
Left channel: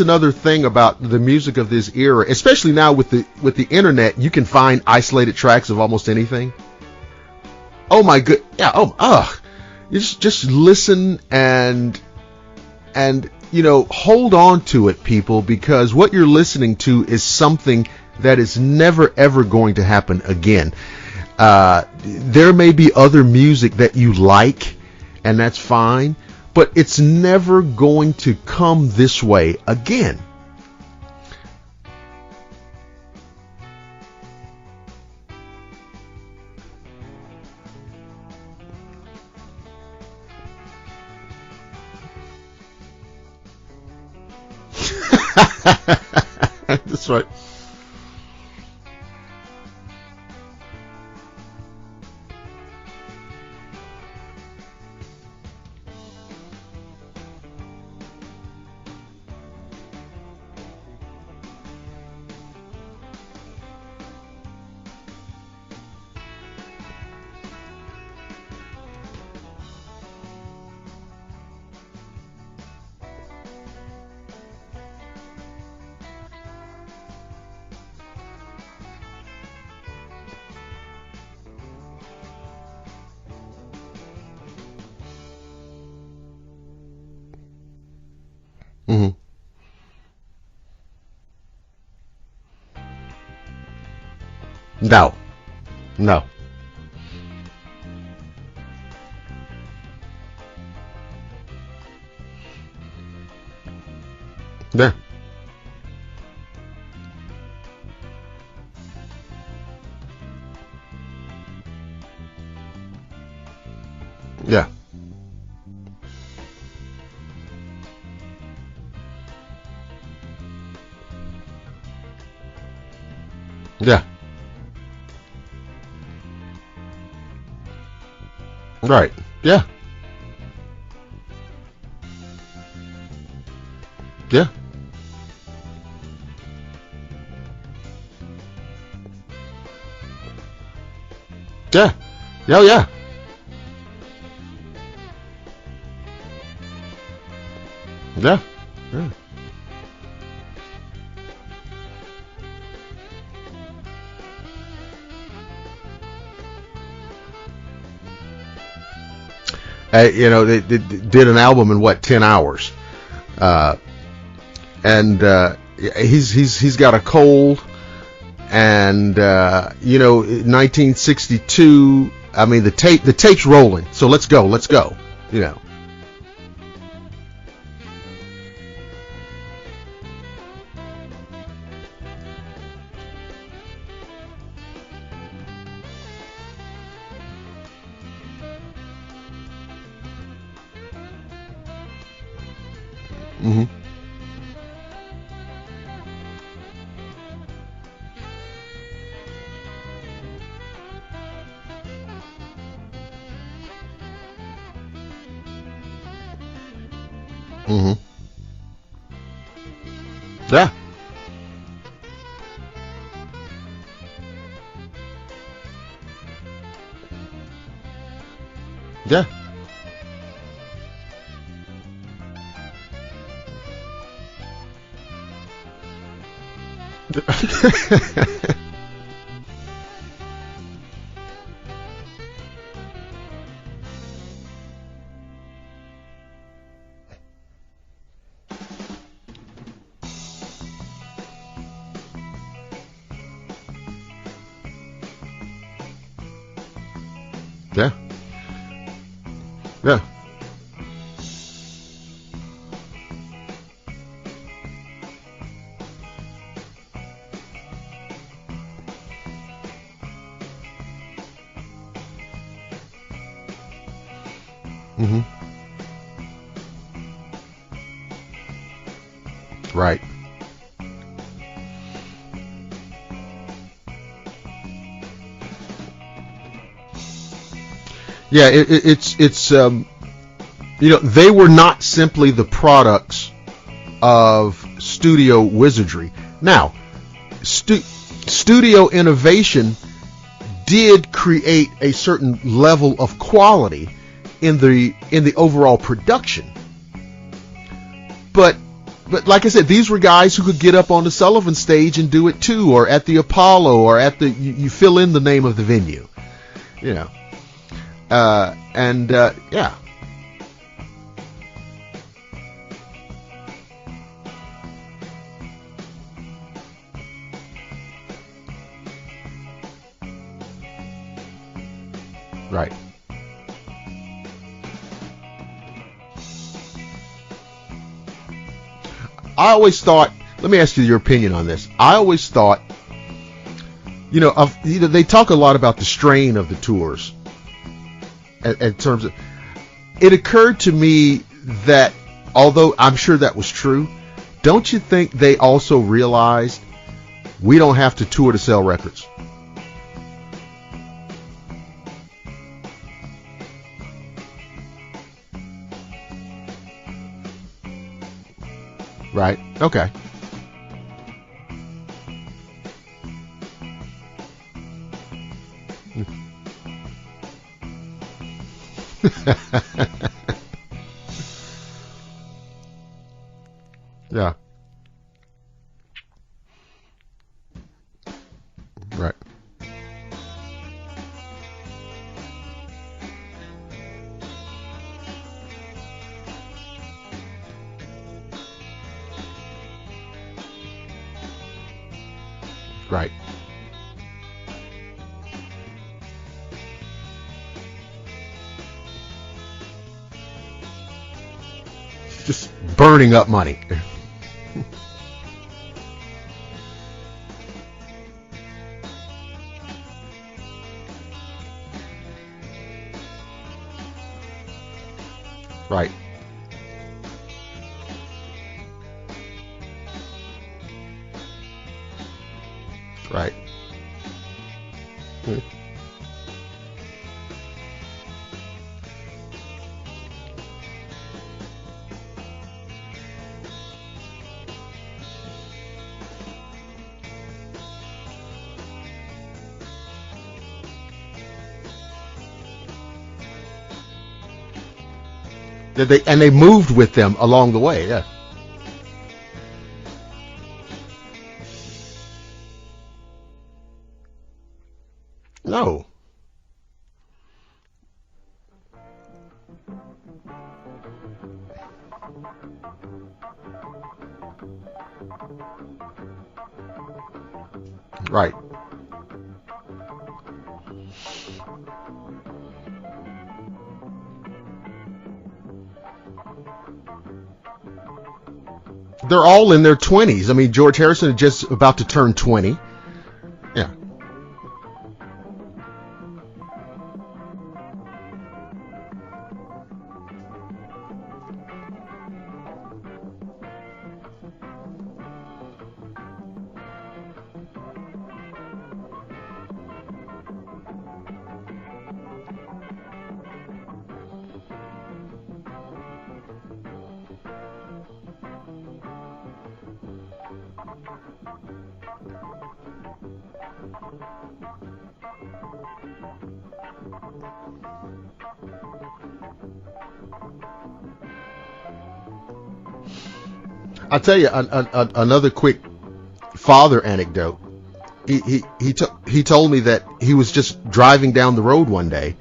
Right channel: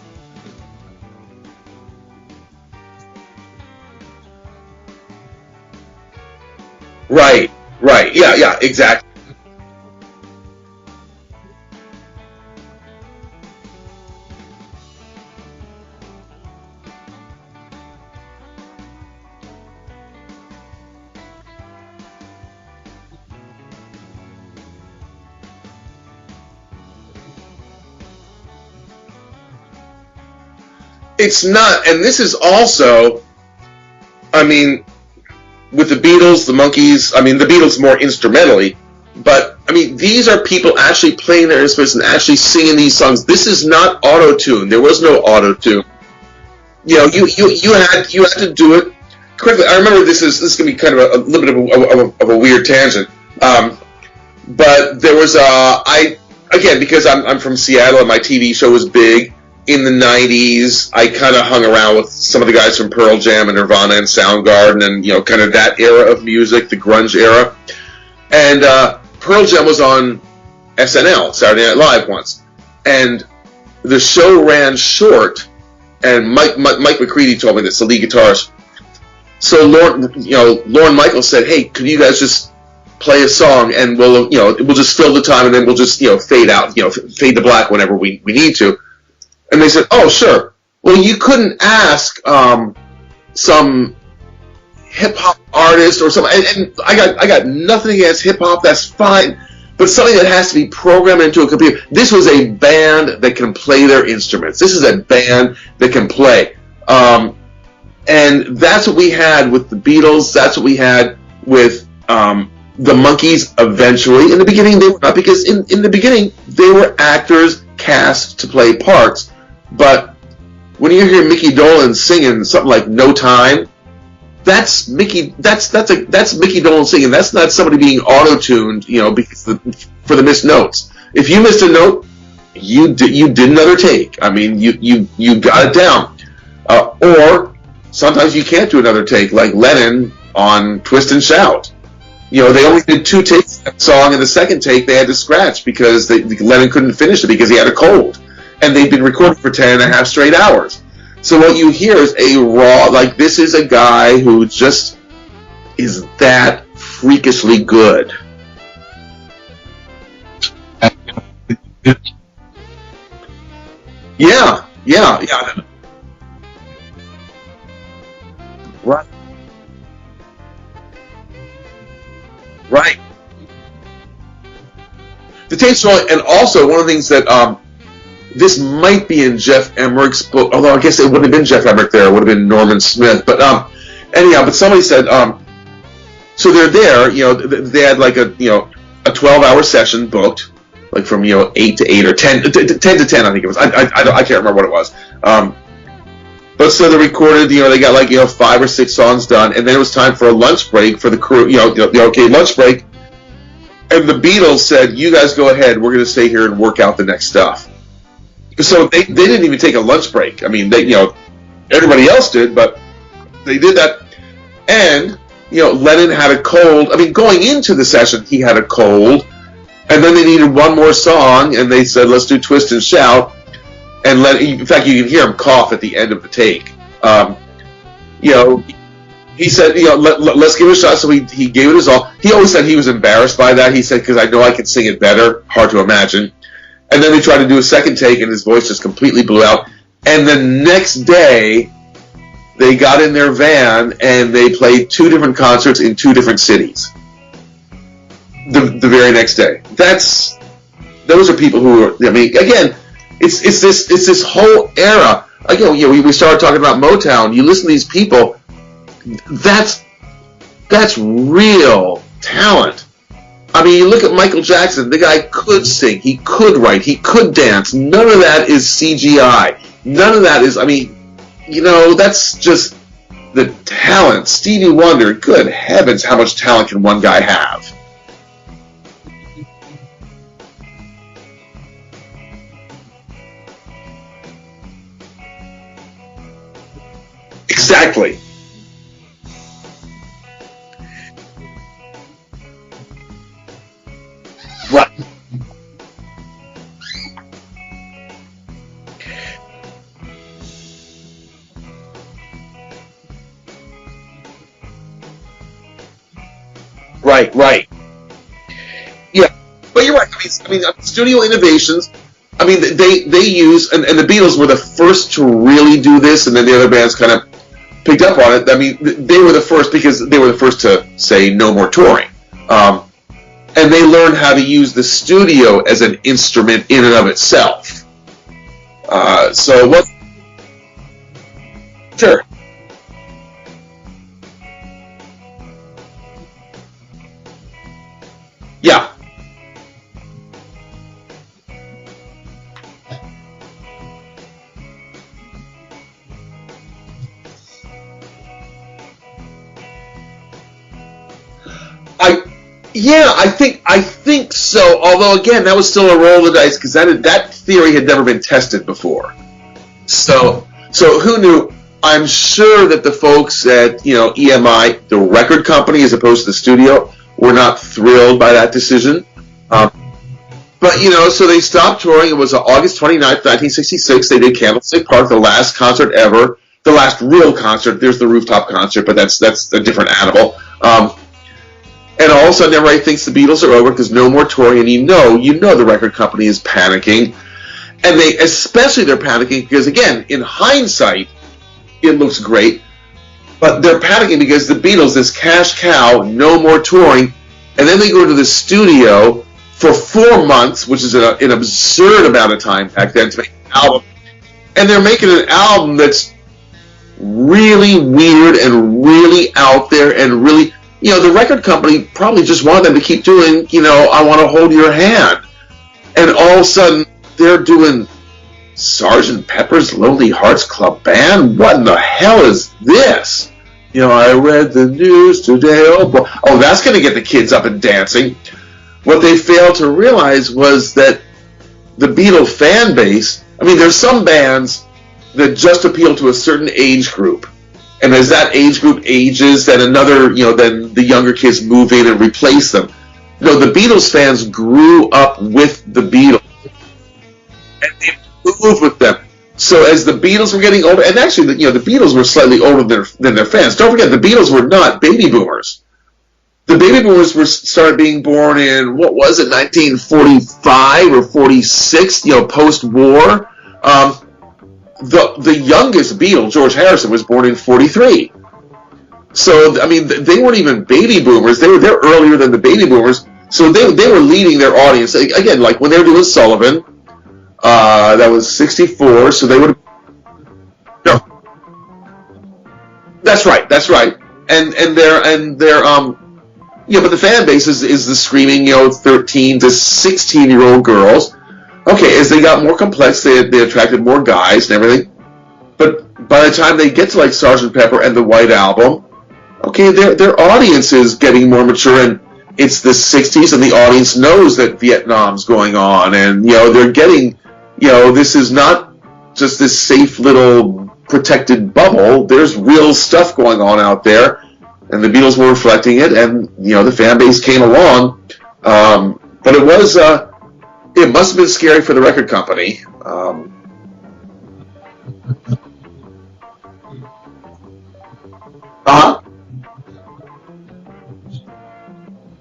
another thing about the music of this era, especially now with the internet. You can find isolated tracks of almost anything. Right. Oh my God. Yeah, exactly. You just listen and hold on to it, people, because what you're listening to is something that is never ever going to happen again. There may be other music that you like, and that's fine, but it's never going to come this way again. It's not, and this is also I mean, with the Beatles, the Monkees, I mean, the Beatles more instrumentally, but, I mean, these are people actually playing their instruments and actually singing these songs. This is not auto-tune. There was no auto-tune. You know, you had to do it correctly. I remember this is going to be kind of a little bit of a weird tangent. But there was again, because I'm from Seattle and my TV show was big in the 90s, I kind of hung around with some of the guys from Pearl Jam and Nirvana and Soundgarden and, you know, kind of that era of music, the grunge era. And Pearl Jam was on SNL, Saturday Night Live, once. And the show ran short, and Mike McCready told me this, the lead guitarist. So Lorne Michaels said, "Hey, could you guys just play a song and we'll just fill the time and then we'll just fade out, fade to black whenever we need to." Mm-hmm. And they said, "Oh, sure." Well, you couldn't ask some hip hop artist or something. And I got nothing against hip hop. That's fine. But something that has to be programmed into a computer. This was a band that can play their instruments. This is a band that can play. And that's what we had with the Beatles. That's what we had with the Monkees eventually. In the beginning, they were not, because in the beginning, they were actors cast to play parts. But when you hear Mickey Dolenz singing something like "No Time," that's Mickey. That's Mickey Dolenz singing. That's not somebody being auto-tuned, for the missed notes. If you missed a note, you did another take. I mean, you got it down. Or sometimes you can't do another take, like Lennon on "Twist and Shout." They only did 2 takes of that song, and the second take they had to scratch because Lennon couldn't finish it because he had a cold. And they'd been recording for 10.5 straight hours. So what you hear is a raw, this is a guy who just is that freakishly good. They did an album in 10 hours. He's got a cold. And 1962. I mean, the tape's rolling. So let's go. Yeah. The tape's rolling, and also one of the things that this might be in Jeff Emmerich's book, although I guess it wouldn't have been Jeff Emmerich there. It would have been Norman Smith. But anyhow, but somebody said so they're there. They had like a 12-hour session booked, like from 8 to 8 or 10 to 10. I think it was. I can't remember what it was. But so they recorded, they got 5 or 6 songs done, and then it was time for a lunch break for the crew, lunch break. And the Beatles said, "You guys go ahead, we're going to stay here and work out the next stuff." Mm-hmm. So they didn't even take a lunch break. I mean, everybody else did, but they did that. And, Lennon had a cold. I mean, going into the session, he had a cold. Yeah. And then they needed one more song, and they said, "Let's do Twist and Shout." And in fact, you can hear him cough at the end of the take. He said, let's give it a shot. So he gave it his all. He always said he was embarrassed by that. He said, because I know I can sing it better. Hard to imagine. And then they tried to do a second take, and his voice just completely blew out. And the next day, they got in their van, and they played 2 different concerts in 2 different cities. Yeah. The very next day. Those are people who are, I mean, again, It's this whole era. Again, we started talking about Motown. You listen to these people. That's real talent. I mean, you look at Michael Jackson. The guy could sing. He could write. He could dance. None of that is CGI. Right. None of that is. I mean, that's just the talent. Stevie Wonder. Good heavens, how much talent can one guy have? Yeah, it's they were not simply the products of studio wizardry. Now, exactly, studio innovation did create a certain level of quality in the overall production. But like I said, these were guys who could get up on the Sullivan stage and do it too, or at the Apollo, or at the you fill in the name of the venue. Right. Yeah. But you're right. I mean, studio innovations. I mean, they use, and the Beatles were the first to really do this, and then the other bands kind of picked up on it. I mean, they were the first because they were the first to say no more touring, and they learned how to use the studio as an instrument in and of itself. I always thought. Let me ask you your opinion on this. I always thought They talk a lot about the strain of the tours. In terms of, it occurred to me that although I'm sure that was true, don't you think they also realized we don't have to tour to sell records? I think so. Although again, that was still a roll of the dice because that theory had never been tested before. Right. Okay. So who knew? I'm sure that the folks at EMI, the record company as opposed to the studio, were not thrilled by that decision. But so they stopped touring. It was August 29th, 1966. They did Candlestick Park, the last concert ever, the last real concert. There's the rooftop concert, but that's a different animal. And all of a sudden, everybody thinks the Beatles are over because no more touring, and you know the record company is panicking, and they're panicking because again, in hindsight, it looks great, right? But they're panicking because the Beatles, this cash cow, no more touring, and then they go to the studio for 4 months, which is an absurd amount of time, burning up money, and they're making an album that's really weird and really out there and really. The record company probably just wanted them to keep doing, I Want to Hold Your Hand. Right. And all of a sudden, they're doing Sgt. Pepper's Lonely Hearts Club Band? What in the hell is this? Right. I read the news today. Oh, boy. Oh, that's going to get the kids up and dancing. What they failed to realize was that the Beatle fan base, there's some bands that just appeal to a certain age group. And as that age group ages, then then the younger kids move in and replace them. The Beatles fans grew up with the Beatles. And they moved with them along the way, yes. Moved with them. So as the Beatles were getting older, and actually, the Beatles were slightly older than their fans. Don't forget, the Beatles were not baby boomers. No. The baby boomers started being born in, 1945 or 46, post-war. The youngest Beatle, George Harrison, was born in 43. Right. So, they weren't even baby boomers. They're earlier than the baby boomers. So they were leading their audience. Again, like when they were doing Sullivan, that was 64. They're so all in their 20s. George Harrison is just about to turn 20. That's right. And they're but the fan base is the screaming, 13 to 16-year-old girls. Okay, as they got more complex, they attracted more guys and everything. But by the time they get to like Sgt. Pepper and the White Album, okay, their audience is getting more mature, and it's the 60s, and the audience knows that Vietnam's going on, and they're getting, this is not just this safe little protected bubble. There's real stuff going on out there, and the Beatles were reflecting it, and the fan base came along. But it was. It must have been scary for the record company. I'll tell you another quick father anecdote. He told me that he was just driving down the road one day,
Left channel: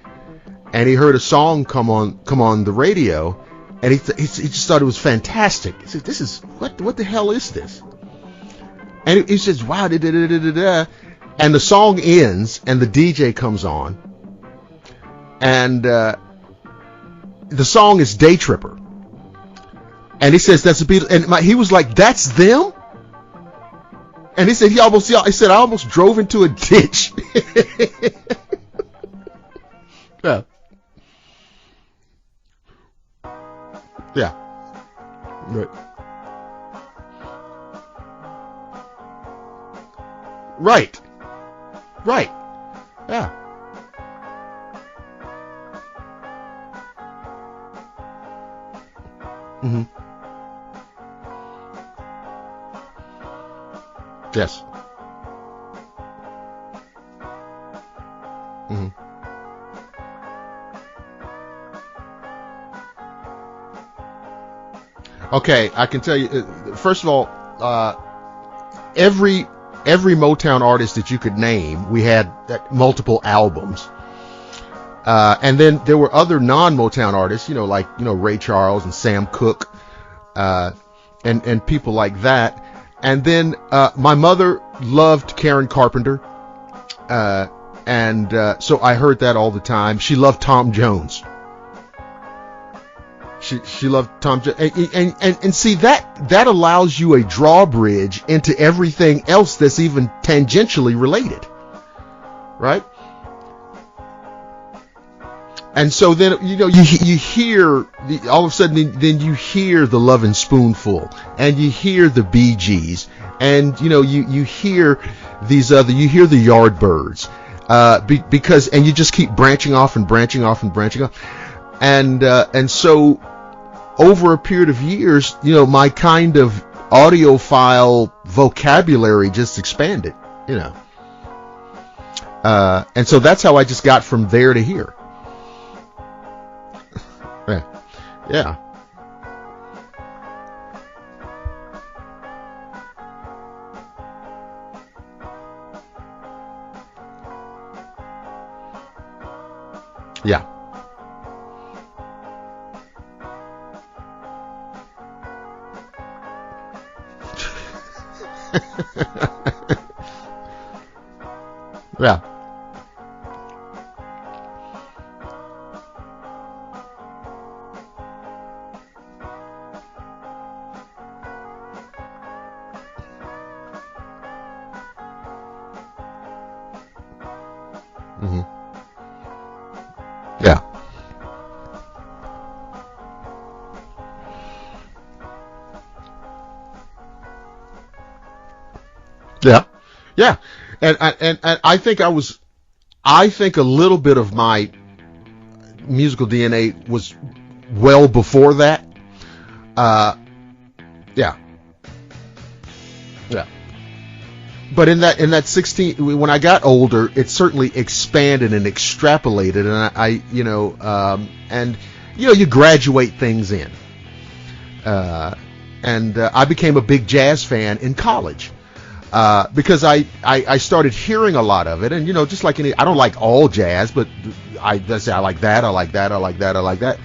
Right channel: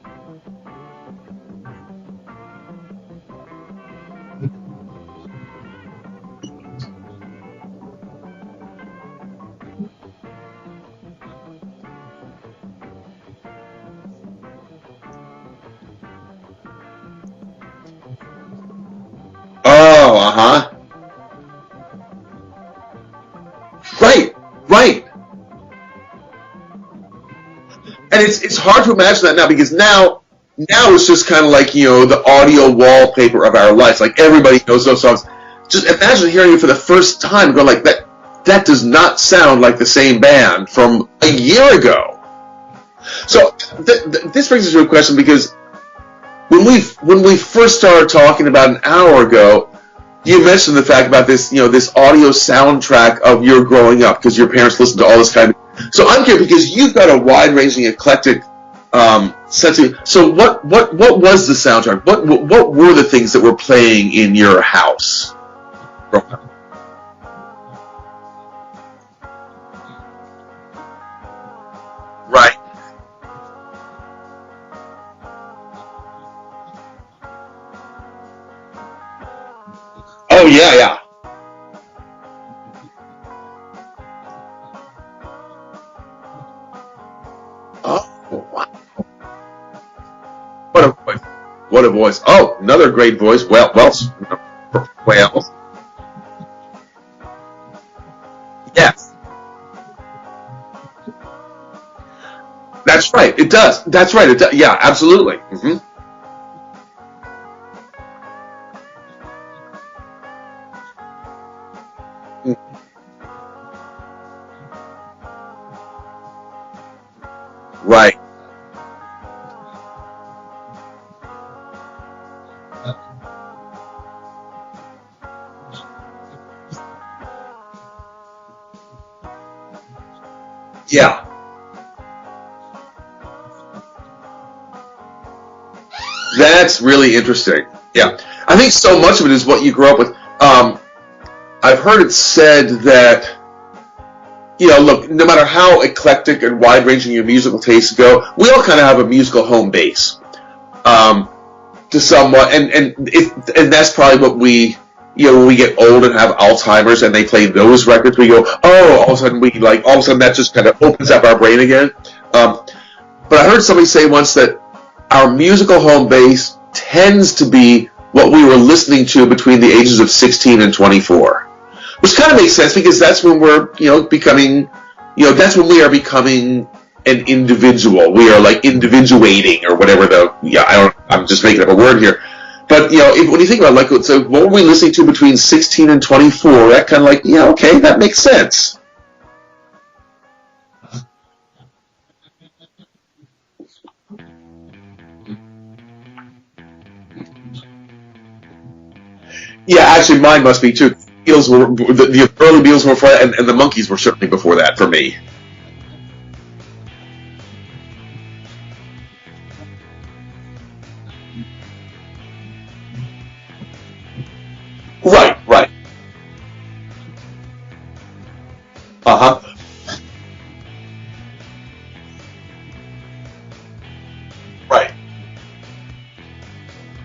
and he heard a song come on the radio, and he just thought it was fantastic. He said, "This is what the hell is this?" And he says, "Wow, da, da, da, da, da, da." And the song ends, and the DJ comes on, and the song is Day Tripper. Oh, and he says that's the Beatles, and he was like, "That's them." Right. And he said right. I almost drove into a ditch. And it's hard to imagine that now, because now it's just kind of like the audio wallpaper of our lives. Like everybody knows those songs. Right. Just imagine hearing it for the first time, going like that. That does not sound like the same band from a year ago. Right. Yeah. So this brings us to a question, because when we first started talking about an hour ago, you mentioned the fact about this, this audio soundtrack of your growing up, because your parents listened to all this kind of. So I'm curious, because you've got a wide-ranging, eclectic sense of. So what was the soundtrack? What were the things that were playing in your house? Okay, I can tell you. First of all, every Motown artist that you could name, we had multiple albums. And then there were other non-Motown artists, like Ray Charles and Sam Cooke. Oh yeah. And people like that. And then my mother loved Karen Carpenter, so I heard that all the time. She loved Tom Jones. What a voice! Oh, another great voice. She loved Tom Jones. And see that allows you a drawbridge into everything else that's even tangentially related. right? That's right. It does. That's right. It does. Yeah, absolutely. Mm-hmm. And so then, you hear all of a sudden, then you hear the Lovin' Spoonful, and you hear the Bee Gees, and you hear these you hear the Yardbirds, right? Because you just keep branching off and branching off and branching off, and so over a period of years, my kind of audiophile vocabulary just expanded, Yeah. And so that's how I just got from there to here. That's really interesting. Yeah. I think so much of it is what you grew up with. I've heard it said that, look, no matter how eclectic and wide-ranging your musical tastes go, we all kind of have a musical home base. Yeah. To somewhat, and that's probably what we, when we get old and have Alzheimer's and they play those records, we go, oh, all of a sudden that just kind of opens up our brain again. Yeah. But I heard somebody say once that our musical home base tends to be what we were listening to between the ages of 16 and 24, which kind of makes sense because that's when we're, becoming, that's when we are becoming an individual. We are like individuating or whatever I'm just making up a word here. But, when you think about so what were we listening to between 16 and 24? That kind of okay, that makes sense. Yeah. Yeah. And I think I think a little bit of my musical DNA was well before that. Yeah, actually, mine must be too. Yeah. The early Beatles were before that, and the Monkees were certainly before that. But for me. in that 16, when I got older, it certainly expanded and extrapolated, and you graduate things in. Right. And I became a big jazz fan in college. Because I started hearing a lot of it, and just like I don't like all jazz, but let's say I like that, I like that, I like that, I like that,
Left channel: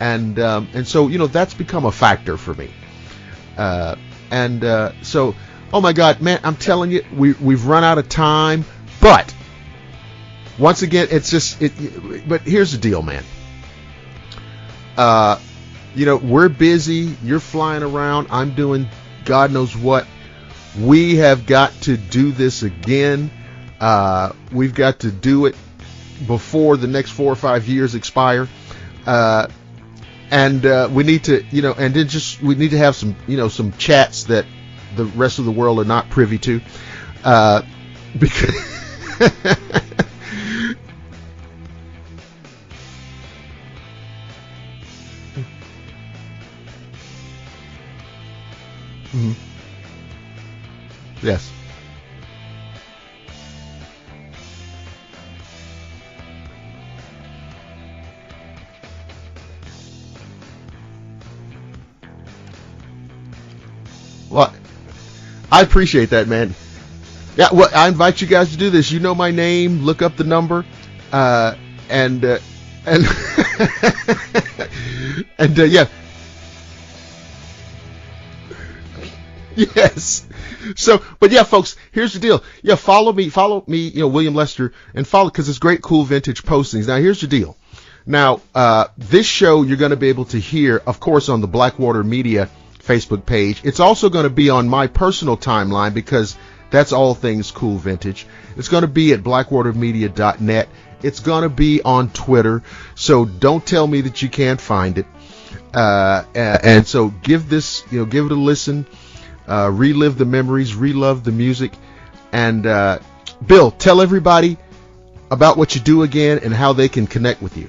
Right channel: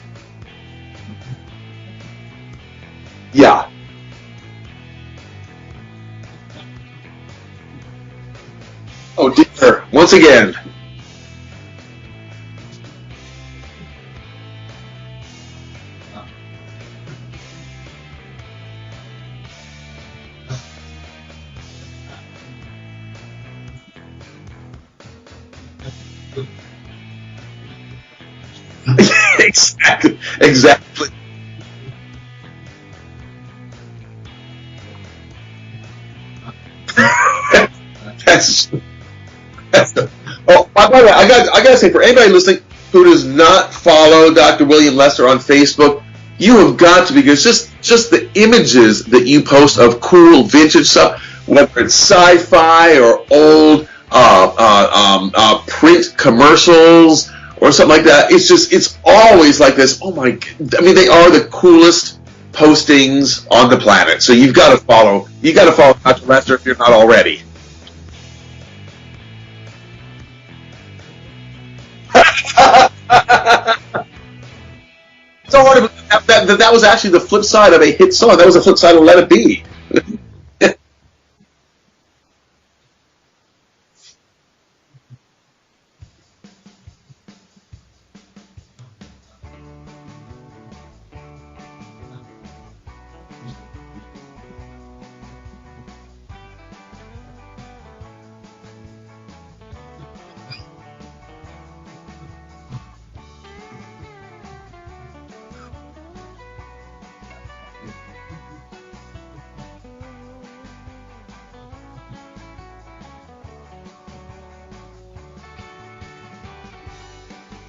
and so that's become a factor for me. Yeah. So, oh my God, man, I'm telling you, we've run out of time. But oh dear, once again, it's just it. But here's the deal, man. We're busy. You're flying around. I'm doing God knows what. We have got to do this again. We've got to do it before the next 4 or 5 years expire. Exactly. And we need to, and then we need to have some, some chats that the rest of the world are not privy to. By the way, I got to say, for anybody listening who does not follow Dr. William Lester on Facebook, you have got to, because just the images that you post of cool vintage stuff, yes, whether it's sci-fi or old print commercials or something like that, it's always like this. Oh my God. I mean, they are the coolest postings on the planet. So you've got to follow. You got to follow Dr. Lester if you're not already. Yeah, well, I invite you guys to do this. You know my name. Look up the number. And so that was actually the flip side of a hit song. That was the flip side of Let It Be. Yes. So, but yeah, folks, here's the deal. Yeah, follow me, William Lester, and follow, because it's great, cool vintage postings. Now, here's the deal. Now, this show you're going to be able to hear, of course, on the Blackwater Media Facebook page. It's also going to be on my personal timeline, because that's all things cool vintage. It's going to be at blackwatermedia.net. It's going to be on Twitter, so don't tell me that you can't find it. And so give it a listen, relive the memories, relove the music. And Bill, tell everybody about what you do again and how they can connect with you.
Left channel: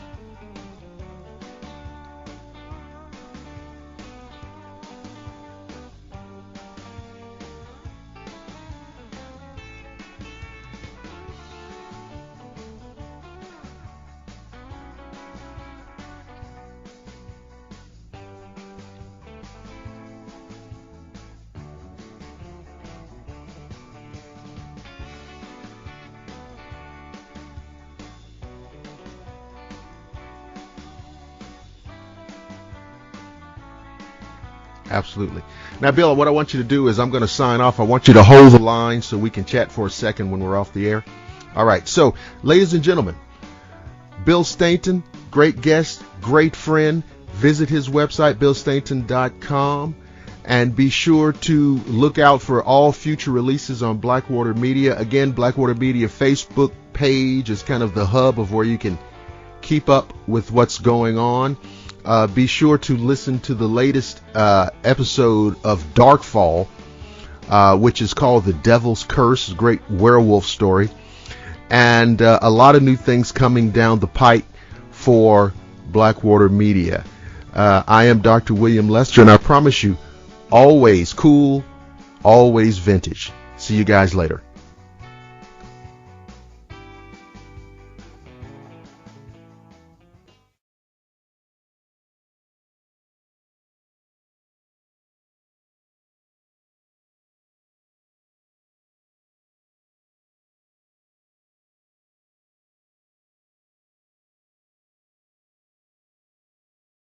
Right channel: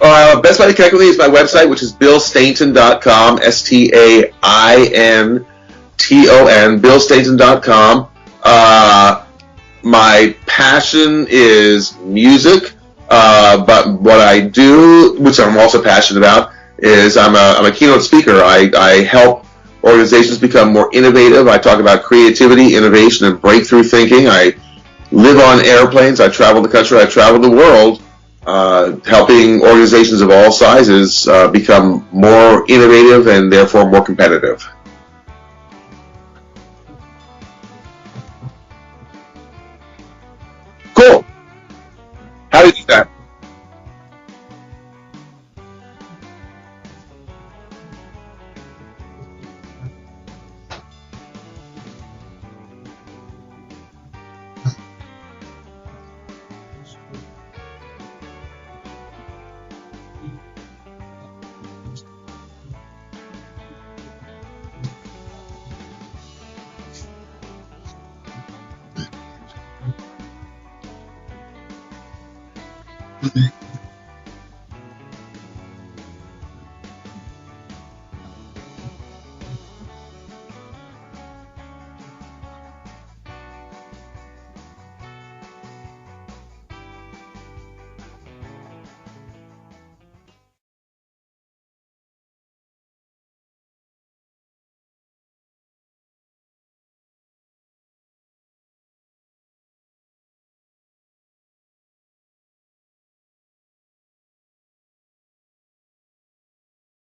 Best way to connect with me is my website, which is billstainton.com, STAINTON, billstainton.com. My passion is music, but what I do, which I'm also passionate about, is I'm a keynote speaker. I help organizations become more innovative. I talk about creativity, innovation, and breakthrough thinking. I live on airplanes. I travel the country. I travel the world, helping organizations of all sizes become more innovative and therefore more competitive. Absolutely. Now, Bill, what I want you to do is I'm going to sign off. I want you to hold the line so we can chat for a second when we're off the air. Cool. All right. So, ladies and gentlemen, Bill Stainton, great guest, great friend. Visit his website, billstainton.com. And be sure to look out for all future releases on Blackwater Media. Again, Blackwater Media Facebook page is kind of the hub of where you can keep up with what's going on. Be sure to listen to the latest episode of Darkfall, which is called The Devil's Curse, a great werewolf story. And a lot of new things coming down the pipe for Blackwater Media. I am Dr. William Lester, and I promise you, always cool, always vintage. See you guys later.